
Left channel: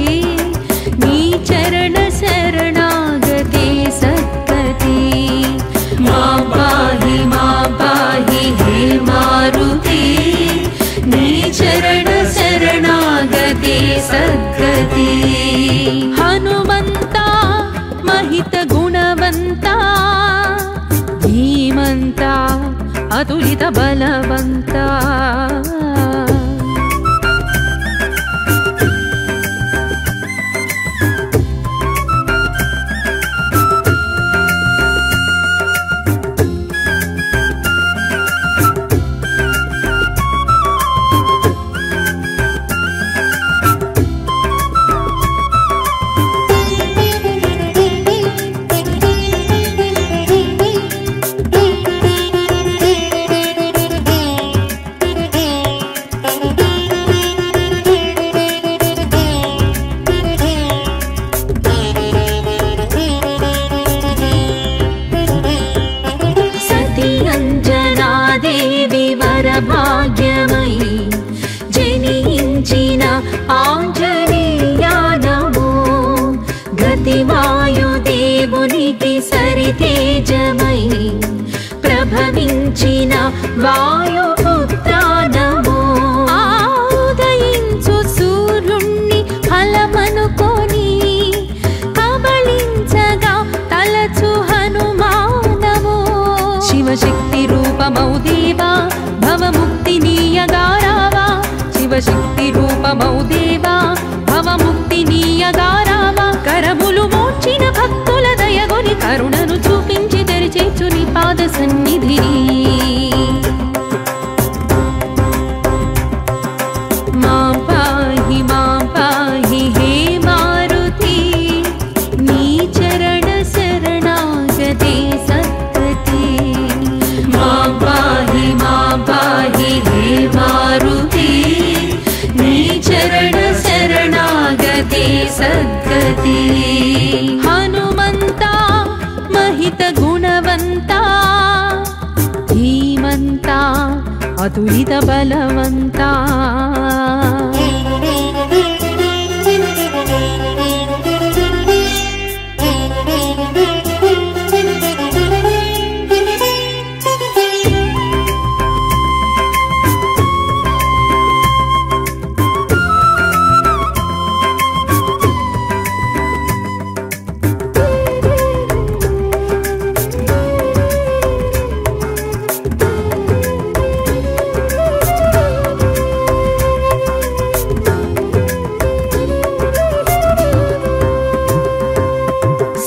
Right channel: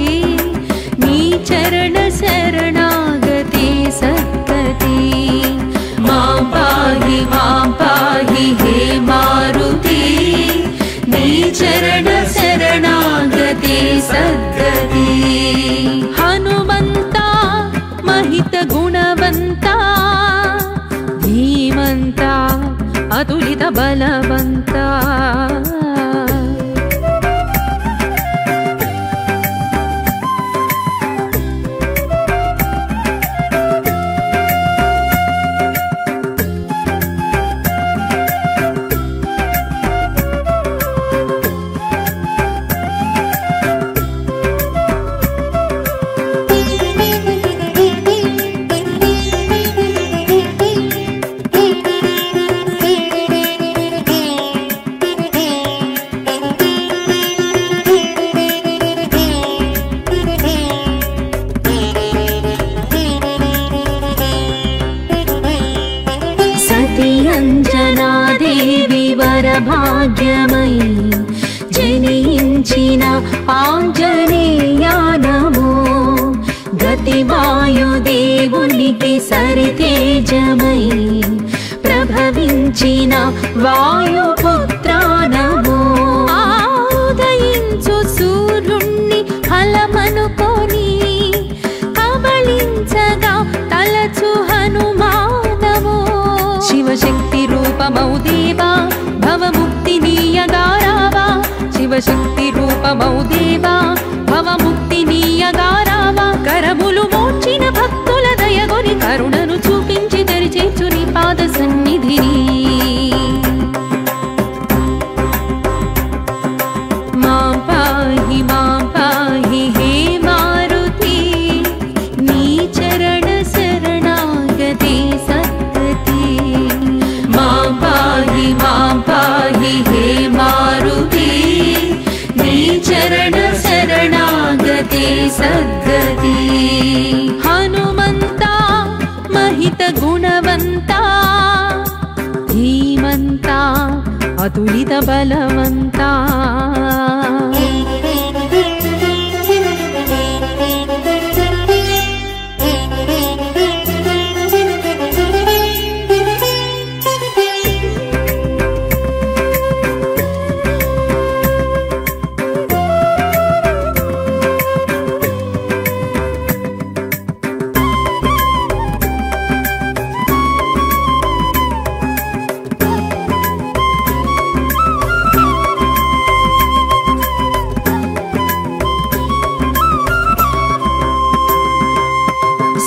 नी चरण शरणागते सद्गति मां पाहि हे मारुति नी चरण शरणागते सद्गति हनुमंता महित गुणवंता धीमंता अतुलित बलवंता भाग्यमयी जनिंचिन आंजनेया नमो गतिवायुदेवुनिकी सरितेजमयी प्रभविंचिन वायुपुत्रा नमो उदयिंचु सूर्युण्णि फलमनुकोनि कबलिंचगा तलचु हनुमा नमो शिवशक्ति रूपमौ देवा भवमुक्तिनीयगारावा शिवशक्ति रूपमौ देवा भवमुक्तिनीयगारावा करमुलु మోర్చిన భక్తుల దయగొని కరుణను చూపించి తెరిచేచు నీ పాద సన్నిధిని మాం పాహి హే మారుతి నీ చరణ శరణాగతే సద్గతి मां पाहि हे मारुति नी चरण शरणागते सद्गति हनुमंता महित गुणवंता धीमंता अतुलित बलवंता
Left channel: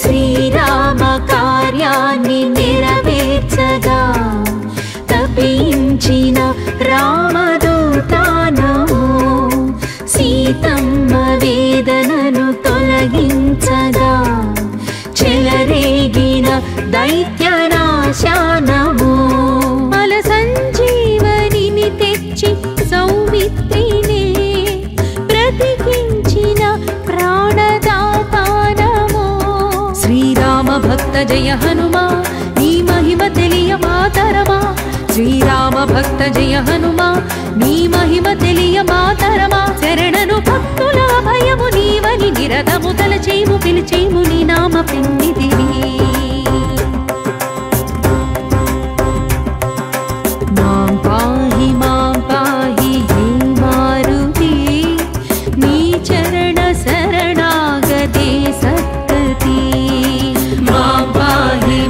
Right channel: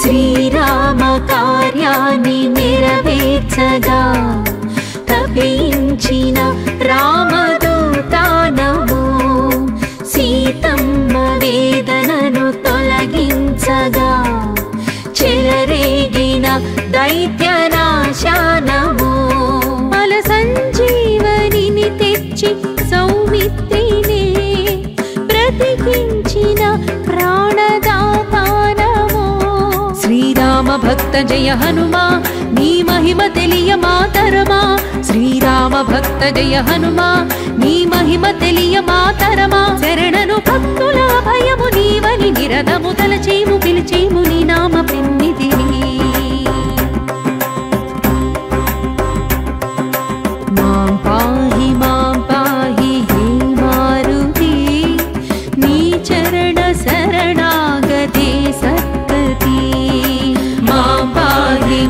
శ్రీరామ కార్యాన్ని నెరవేర్చగా తపించిన రామదూత నమో సీతమ్మ వేదనను తొలగించగా చెలరేగిన దైత్యనాశ నమో బల సంజీవనిని తెచ్చి సౌమిత్రినే బ్రతికించిన ప్రాణదాత నమో శ్రీరామ భక్త జయ హనుమా నీ మహిమ తెలియ మాతరమా శ్రీరామ భక్త జయ హనుమా నీ మహిమ తెలియ మాతరమా శరణను భక్తుల భయము నీవని నిరతము తలచేము పిలిచేము నీ నామ పిన్నిదిని మాం పాహి హే మారుతి నీ చరణ శరణాగతే సద్గతి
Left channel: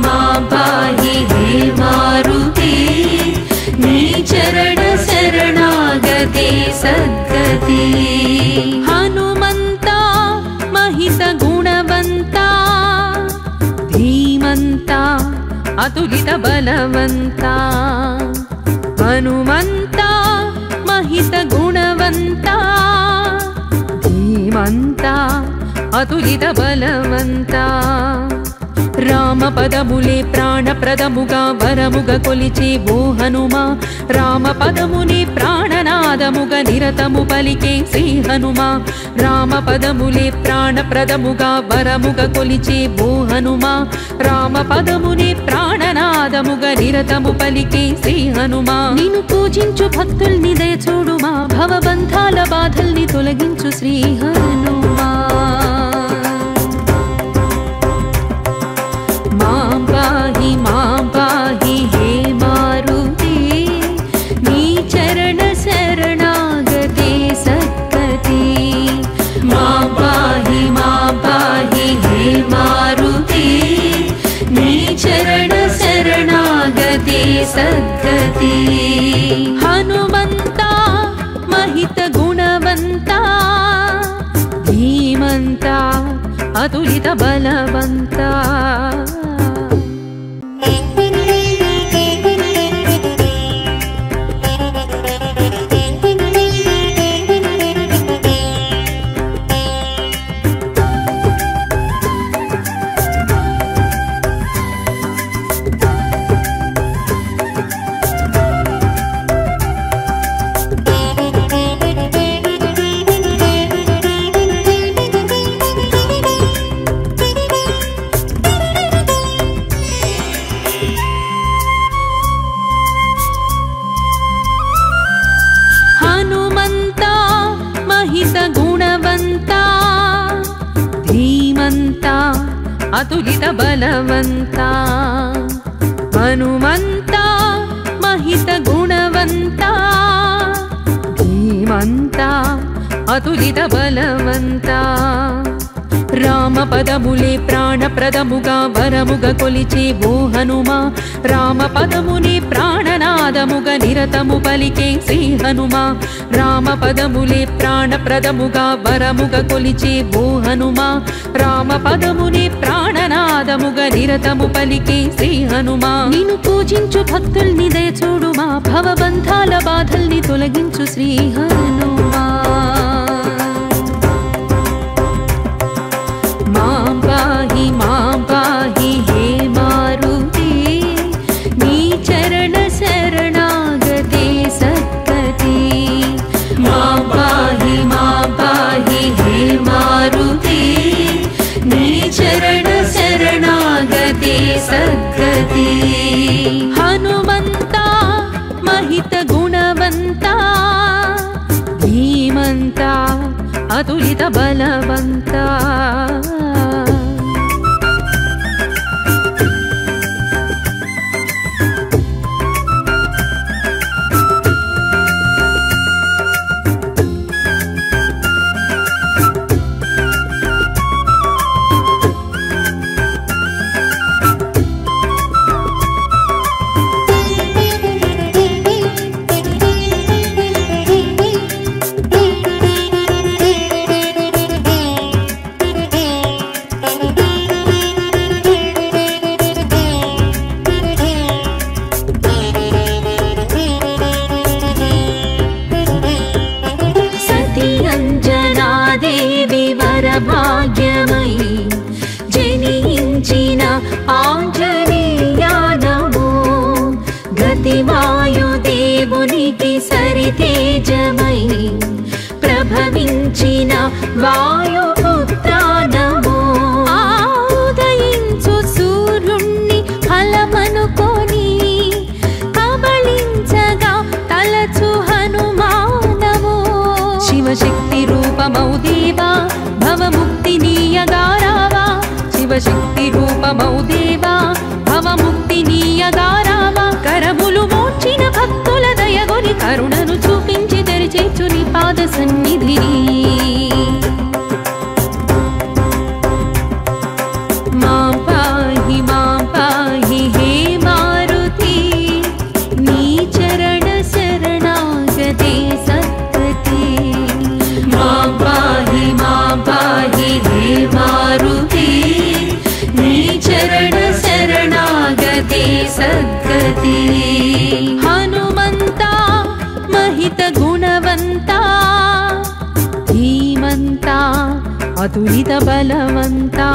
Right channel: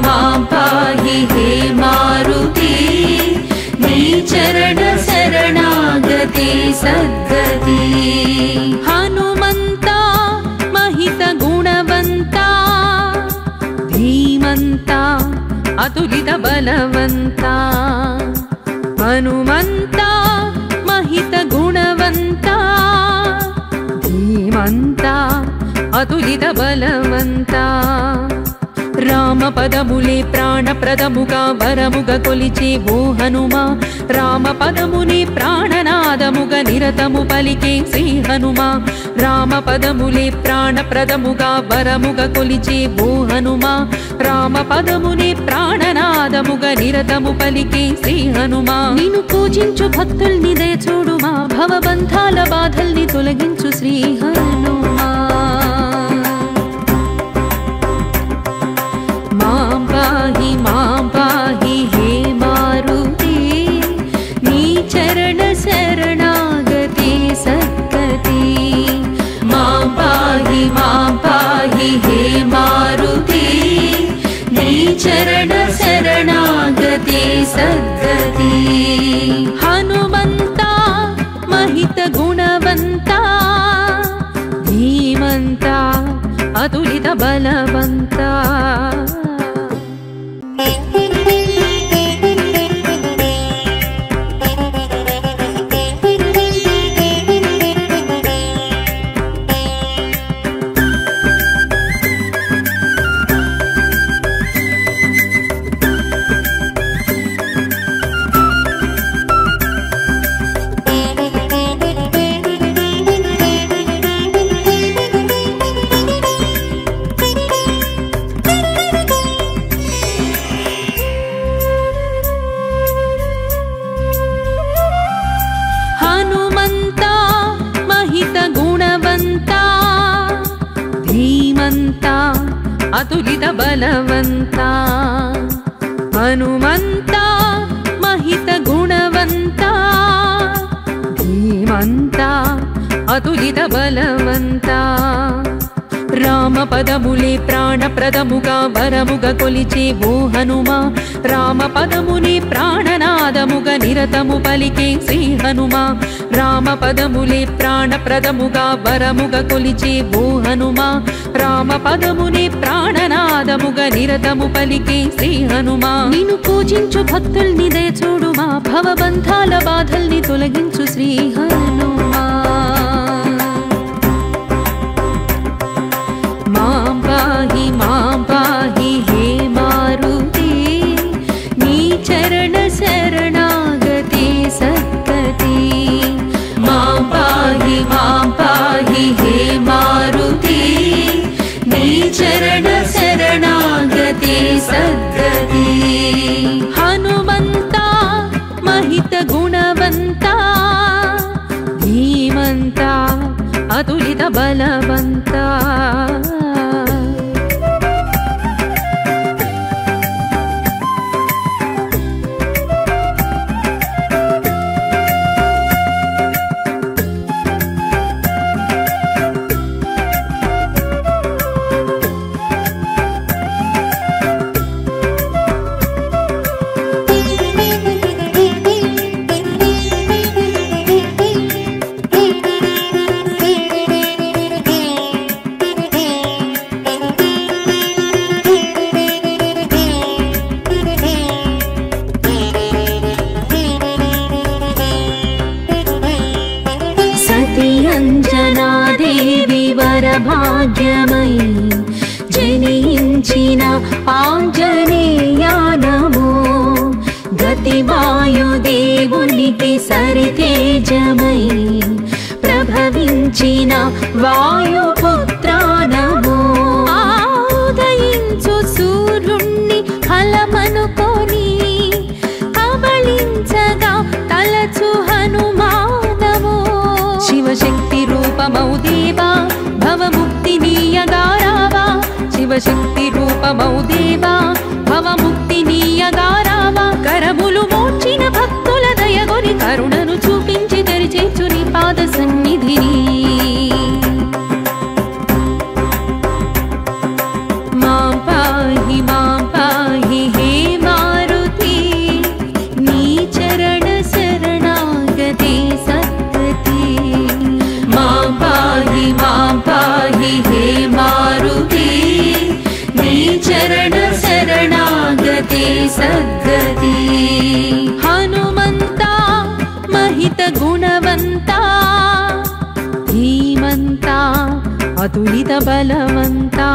मां पाहि हे मारुति नी चरण शरणागते सद्गति हनुमंता महित गुणवंता అతులిత బలవంత హనుమంత మహిత గుణవంత ధీమంత అతులిత బలవంత రామ పదములే ప్రాణప్రదముగా వరముగా కొలిచే ఓ హనుమా రామ పదమునే ప్రాణనాదముగా నిరతము పలికే శ్రీ హనుమా రామ పదములే ప్రాణప్రదముగా వరముగా కొలిచే ఓ హనుమా రామ పదమునే ప్రాణనాదముగా నిరతము పలికే శ్రీ హనుమా నిన్ను పూజించు భక్తుల్ని దయ చూడుమా భవబంధాల బాధల్ని తొలగించు శ్రీ హనుమా मां पाहि हे मारुते नी चरण शरणागते सद्गति मां पाहि हे मारुते नी चरण शरणागते सद्गति हनुमन्ता महित गुणवन्ता धीमन्ता अतुलित बलवन्ता गुणवंता धीमंता अतुलित बलवंता हनुमंता महित गुणवंता धीमंता अतुलित बलवंता राम पदमुले प्राणप्रदमुगा वरमुगा कोलिचे वो हनुमा राम पदमुने प्राणनादमुगा निरतमु पलिके श्री हनुमा राम पदमुले प्राणप्रदमुगा वरमुगा कोलिचे वो हनुमा राम पदमुने प्राणनादमुगा निरतमु पलिके श्री हनुमा निन्नु पूजिंचु भक्तुल्नि दय చూడుమా భవబంధాల బాధల్ని తొలగించు శ్రీ హనుమా मां पाहि हे मारुते नी चरण शरणागते सद्गति मां पाहि हे मारुते नी चरण शरणागते सद्गति हनुमन्ता महित गुणवन्ता धीमन्ता अतुलित बलवन्ता भाग्यमयी जनिंचिन आंजनेया नमो गतिवायुदेवुनिकी सरितेजमयी प्रभविंचिन वायुपुत्रा नमो उदयिंचु सूर्युण्णि फलमनुकोनि कबलिंचगा तलचु हनुमानमो शिवशक्ति रूपमौ देवा भवमुक्तिनीयगारावा शिवशक्ति रूपमौ देवा भवमुक्तिनीयगारावा करमुलु మోర్చిన భక్తుల దయగొని కరుణను చూపించి తెరిచేచు నీ పాద సన్నిధిని మాం పాహి హే మారుతి నీ చరణ శరణాగతే సద్గతి मां पाहि हे मारुते नी चरण शरणागते सद्गति हनुमन्ता महित गुणवन्ता धीमन्ता अतुलित बलवन्ता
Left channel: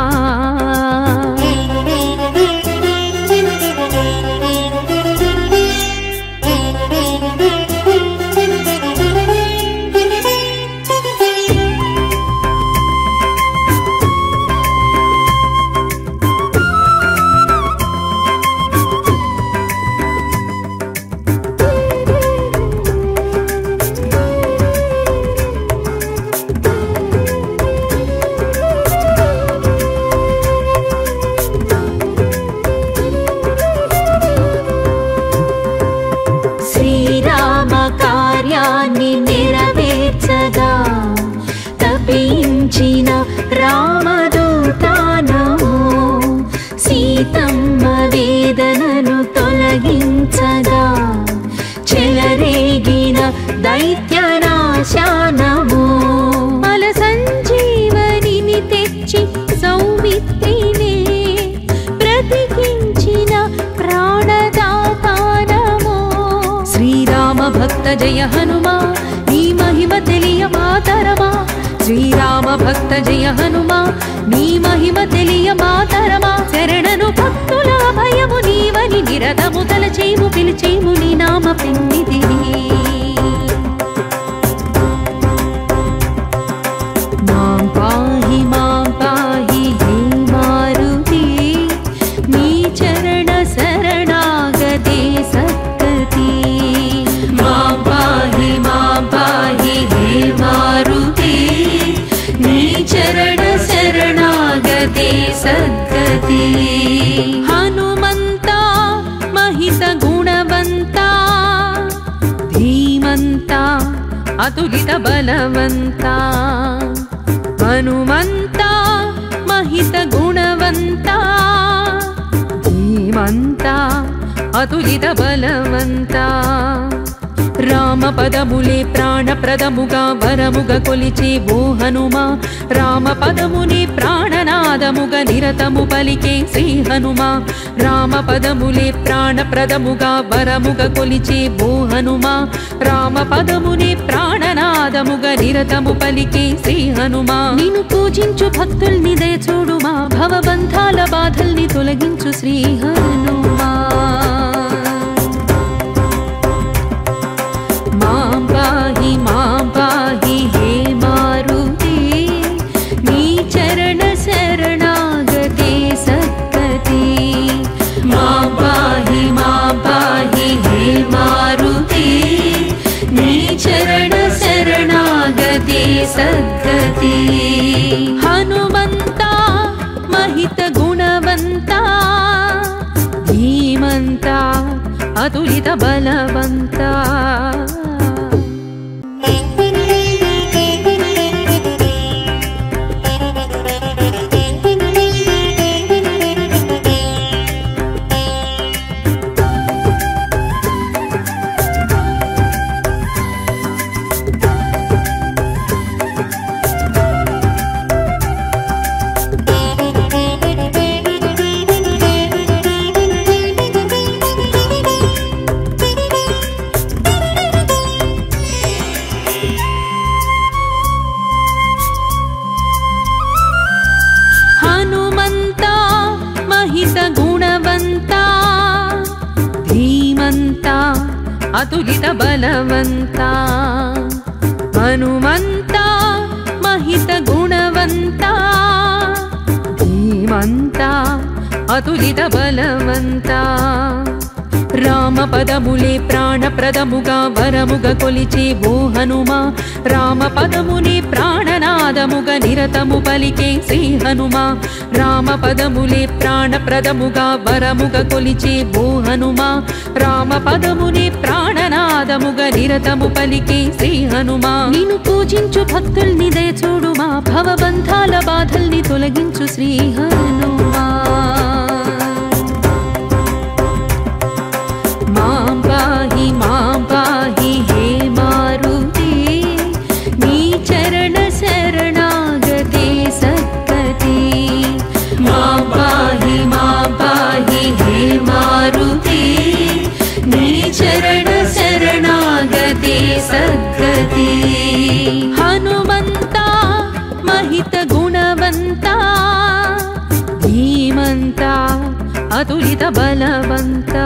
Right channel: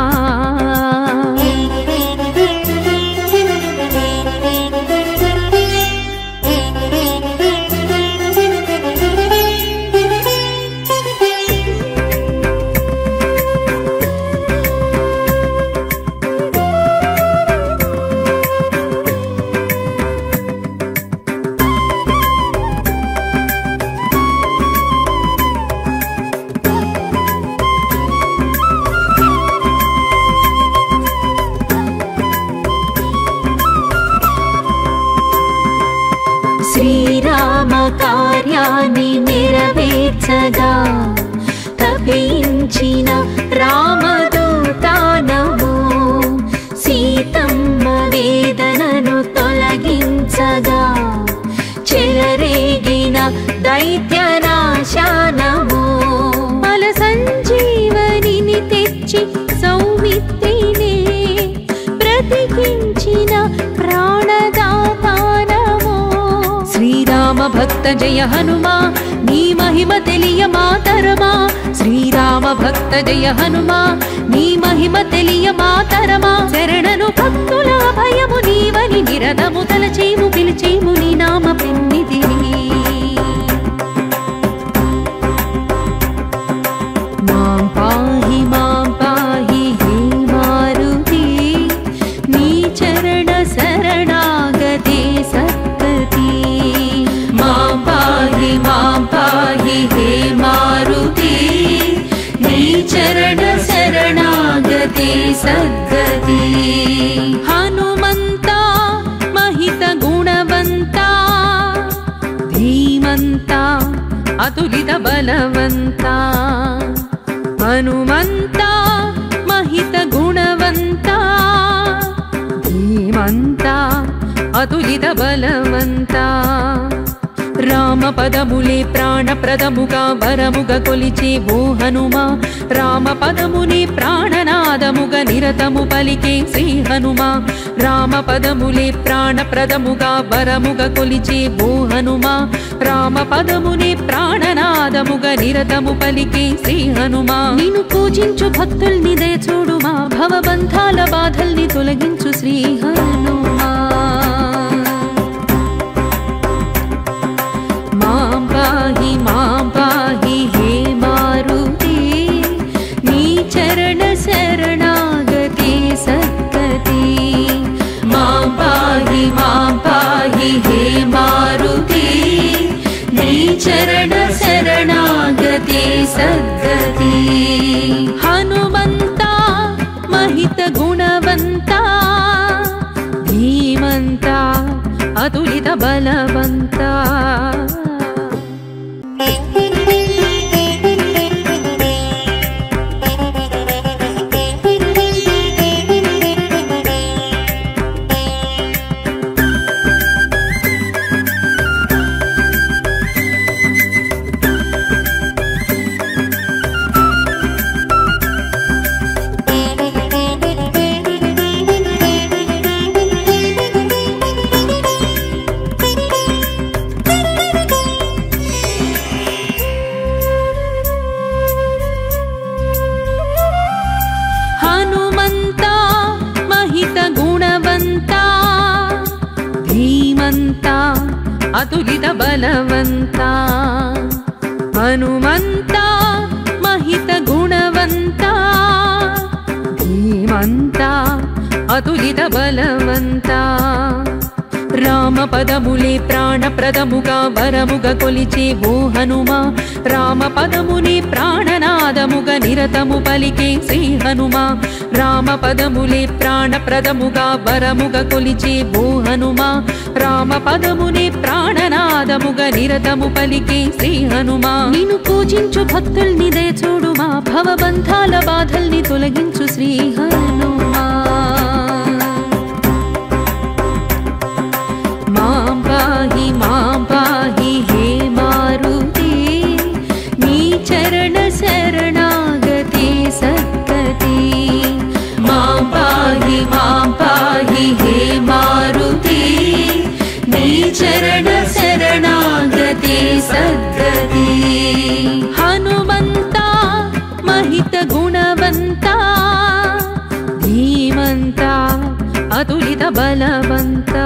శ్రీరామ కార్యాన్ని నెరవేర్చగా తపించిన రామదూతానము సీతమ్మ వేదనను తొలగించగా చెలరేగిన దైత్యనాశానము బల సంజీవనిని తెచ్చి సౌమిత్రినే బ్రతికించిన ప్రాణదాతానము శ్రీరామ భక్త జయ హనుమా నీ మహిమ తెలియ మాతరమా శ్రీరామ భక్త జయ హనుమా నీ మహిమ తెలియ మాతరమా శరణను భక్తుల భయము నీవని నిరతము తలచేము పిలిచేము నీ నామ పెన్నిధిని మాం పాహి హే మారుతి నీ చరణ శరణాగతే సద్గతి మాం పాహి హే మారుతి నీ చరణ శరణాగతే సద్గతి హనుమంతా महित गुणवन्ता धीमन्ता अतुलित बलवन्ता हनुमन्ता महित गुणवन्ता धीमन्ता अतुलित बलवन्ता రామ పదములే ప్రాణప్రదముగా వరముగ కొలిచే ఓ హనుమా రామ పదమునే ప్రాణనాదముగా నిరతము పలికే శ్రీ హనుమా రామ పదములే ప్రాణప్రదముగా వరముగ కొలిచే ఓ హనుమా రామ పదమునే ప్రాణనాదముగా నిరతము పలికే శ్రీ హనుమా నిన్ను పూజించు భక్తుల్ని దయచూడుమా భవబంధాల బాధల్ని తొలగించు శ్రీ హనుమా మాం పాహి హే మారుతి నీ చరణ శరణాగతే సద్గతి మాం పాహి హే మారుతి నీ చరణ శరణాగతే సద్గతి హనుమంతా महित गुणवन्ता धीमन्ता अतुलित बलवन्ता महित गुणवन्ता धीमन्ता अतुलित बलवन्ता हनुमन्ता महित गुणवन्ता धीमन्ता अतुलित बलवन्ता రామ పదములే ప్రాణప్రదముగా వరముగ కొలిచే ఓ హనుమా రామ పదమునే ప్రాణనాదముగా నిరతము పలికే శ్రీ హనుమా రామ పదములే ప్రాణప్రదముగా వరముగ కొలిచే ఓ హనుమా రామ పదమునే ప్రాణనాదముగా నిరతము పలికే శ్రీ హనుమా నిన్ను పూజించు భక్తుల్ని దయచూడుమా భవబంధాల బాధల్ని తొలగించు శ్రీ హనుమా మాం పాహి హే మారుతి నీ చరణ శరణాగతే సద్గతి మాం పాహి హే మారుతి सद्गति हनुमन्ता महित गुणवन्ता धीमन्ता अतुलित बलवन्ता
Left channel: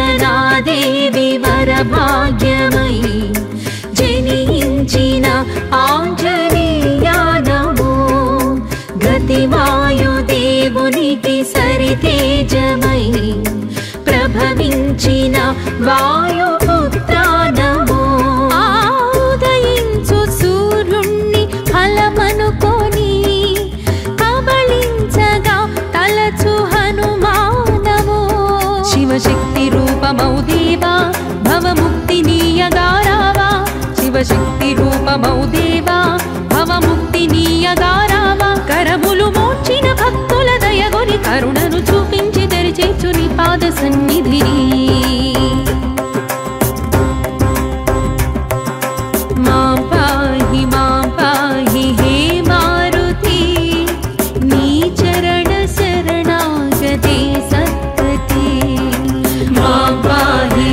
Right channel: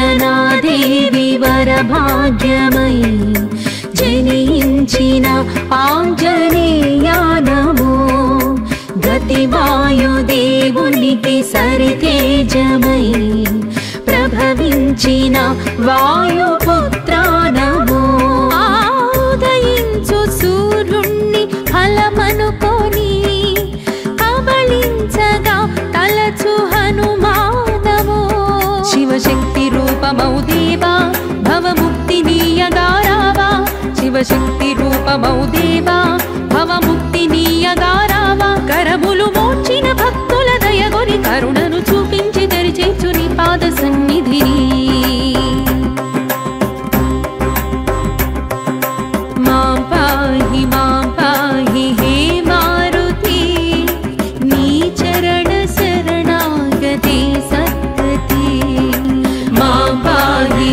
अंजनादेवी वरभाग्यमयी जनिंचिन आंजनेया नमो गतिवायुदेवुनिकी सरितेजमयी प्रभविंचिन वायुपुत्रा नमो उदयिंचु सूर्युण्णि फलमनुकोनि कबलिंचगा तलचु हनुमानमो शिवशक्ति रूपमौ देवा भवमुक्तिनीयगारावा शिवशक्ति रूपमौ देवा भवमुक्तिनीयगारावा करमुलु మోచిన భక్తుల దయగొని కరుణను చూపించి దరిచేర్చు నీ పాద సన్నిధిని మాం పాహి హే మారుతి నీ చరణ శరణాగతే సద్గతి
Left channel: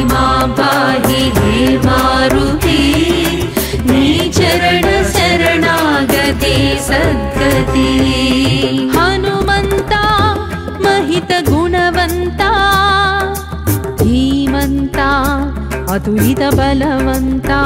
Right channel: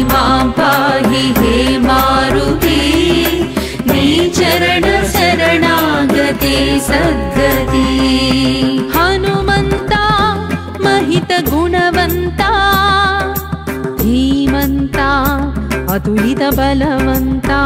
मां पाहि हे मारुति नी चरण शरणागते सद्गति हनुमन्ता महित गुणवन्ता धीमन्ता अतुलित बलवन्ता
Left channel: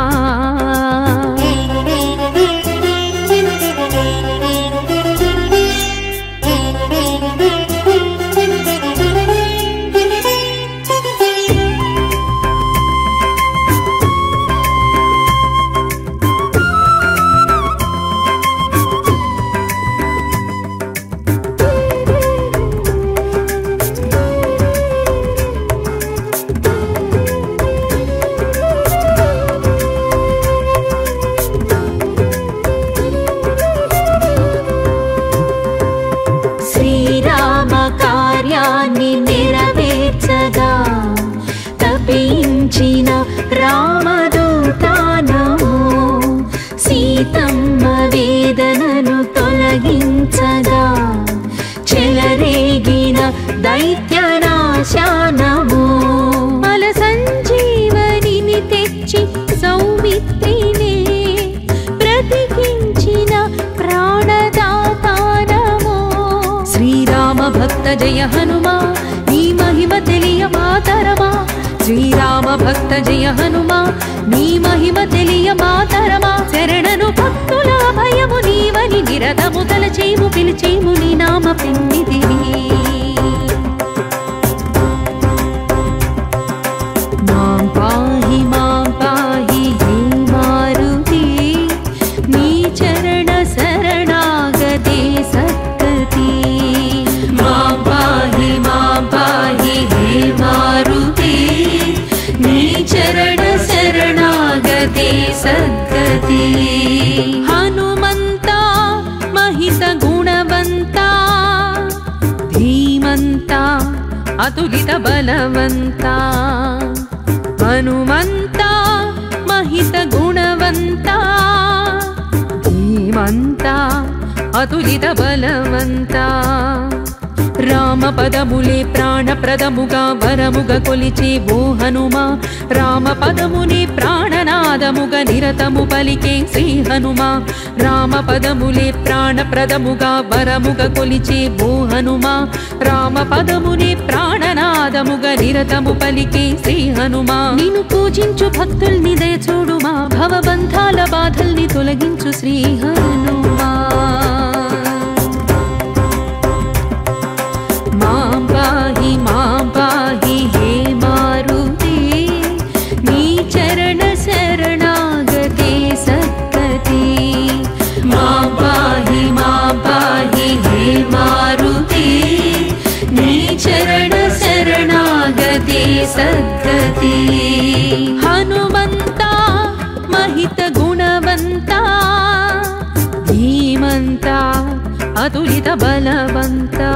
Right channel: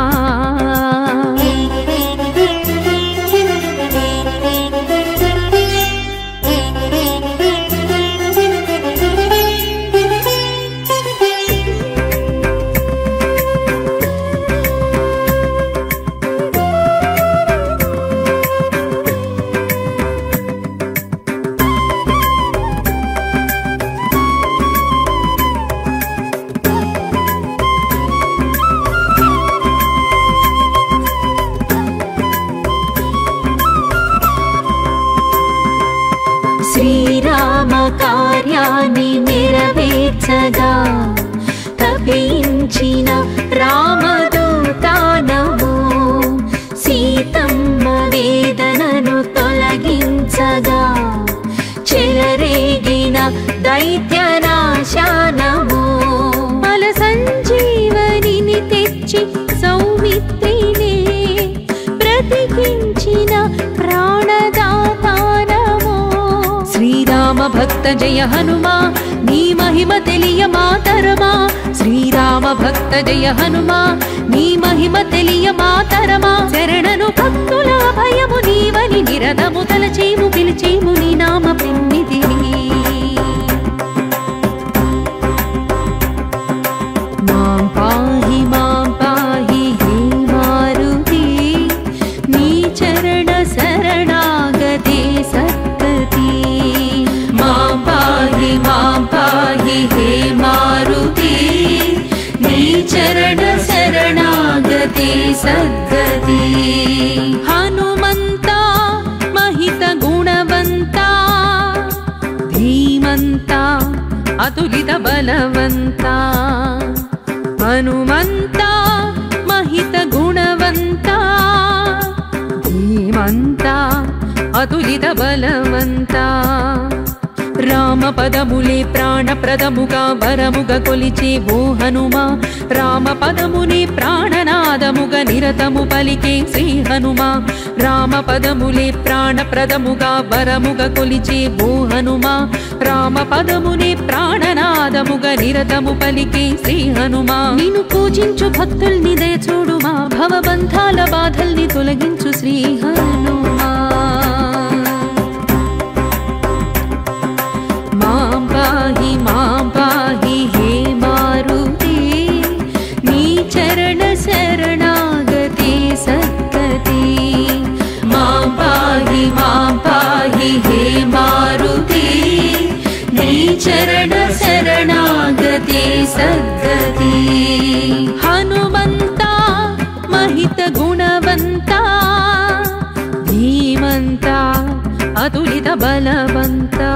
श्रीराम कार्यानि नेरवेर्चगा तपिंचिन रामदूता नमो सीतम्म वेदननु तोलगिंचगा చెలరేగిన దైత్యనాశ నమో బల సంజీవనిని తెచ్చి సౌమిత్రినే బ్రతికించిన ప్రాణదాత నమో శ్రీరామ భక్త జయ హనుమా నీ మహిమ తెలియ మాతరమా శ్రీరామ భక్త జయ హనుమా నీ మహిమ తెలియ మాతరమా శరణను భక్తుల భయము నీవని నిరతము తలచేము పిలిచేము నీ నామ పిన్నిదిని మాం పాహి హే మారుతి నీ చరణ శరణాగతే సద్గతి మాం పాహి హే మారుతి నీ చరణ శరణాగతే సద్గతి హనుమంతా महित गुणवन्ता धीमन्ता अतुलित बलवन्ता हनुमन्ता महित गुणवन्ता धीमन्ता अतुलित बलवन्ता రామ పదములే ప్రాణప్రదముగా వరముగా కొలిచే ఓ హనుమా రామ పదమునే ప్రాణనాదముగా నిరతము పలికే శ్రీ హనుమా రామ పదములే ప్రాణప్రదముగా వరముగా కొలిచే ఓ హనుమా రామ పదమునే ప్రాణనాదముగా నిరతము పలికే శ్రీ హనుమా నిన్ను పూజించు భక్తుల్ని దయ చూడుమా భవబంధాల బాధల్ని తొలగించు శ్రీ హనుమా మాం పాహి హే మారుతి నీ చరణ శరణాగతే సద్గతి सद्गति हनुमन्ता महित गुणवन्ता धीमन्ता अतुलित बलवन्ता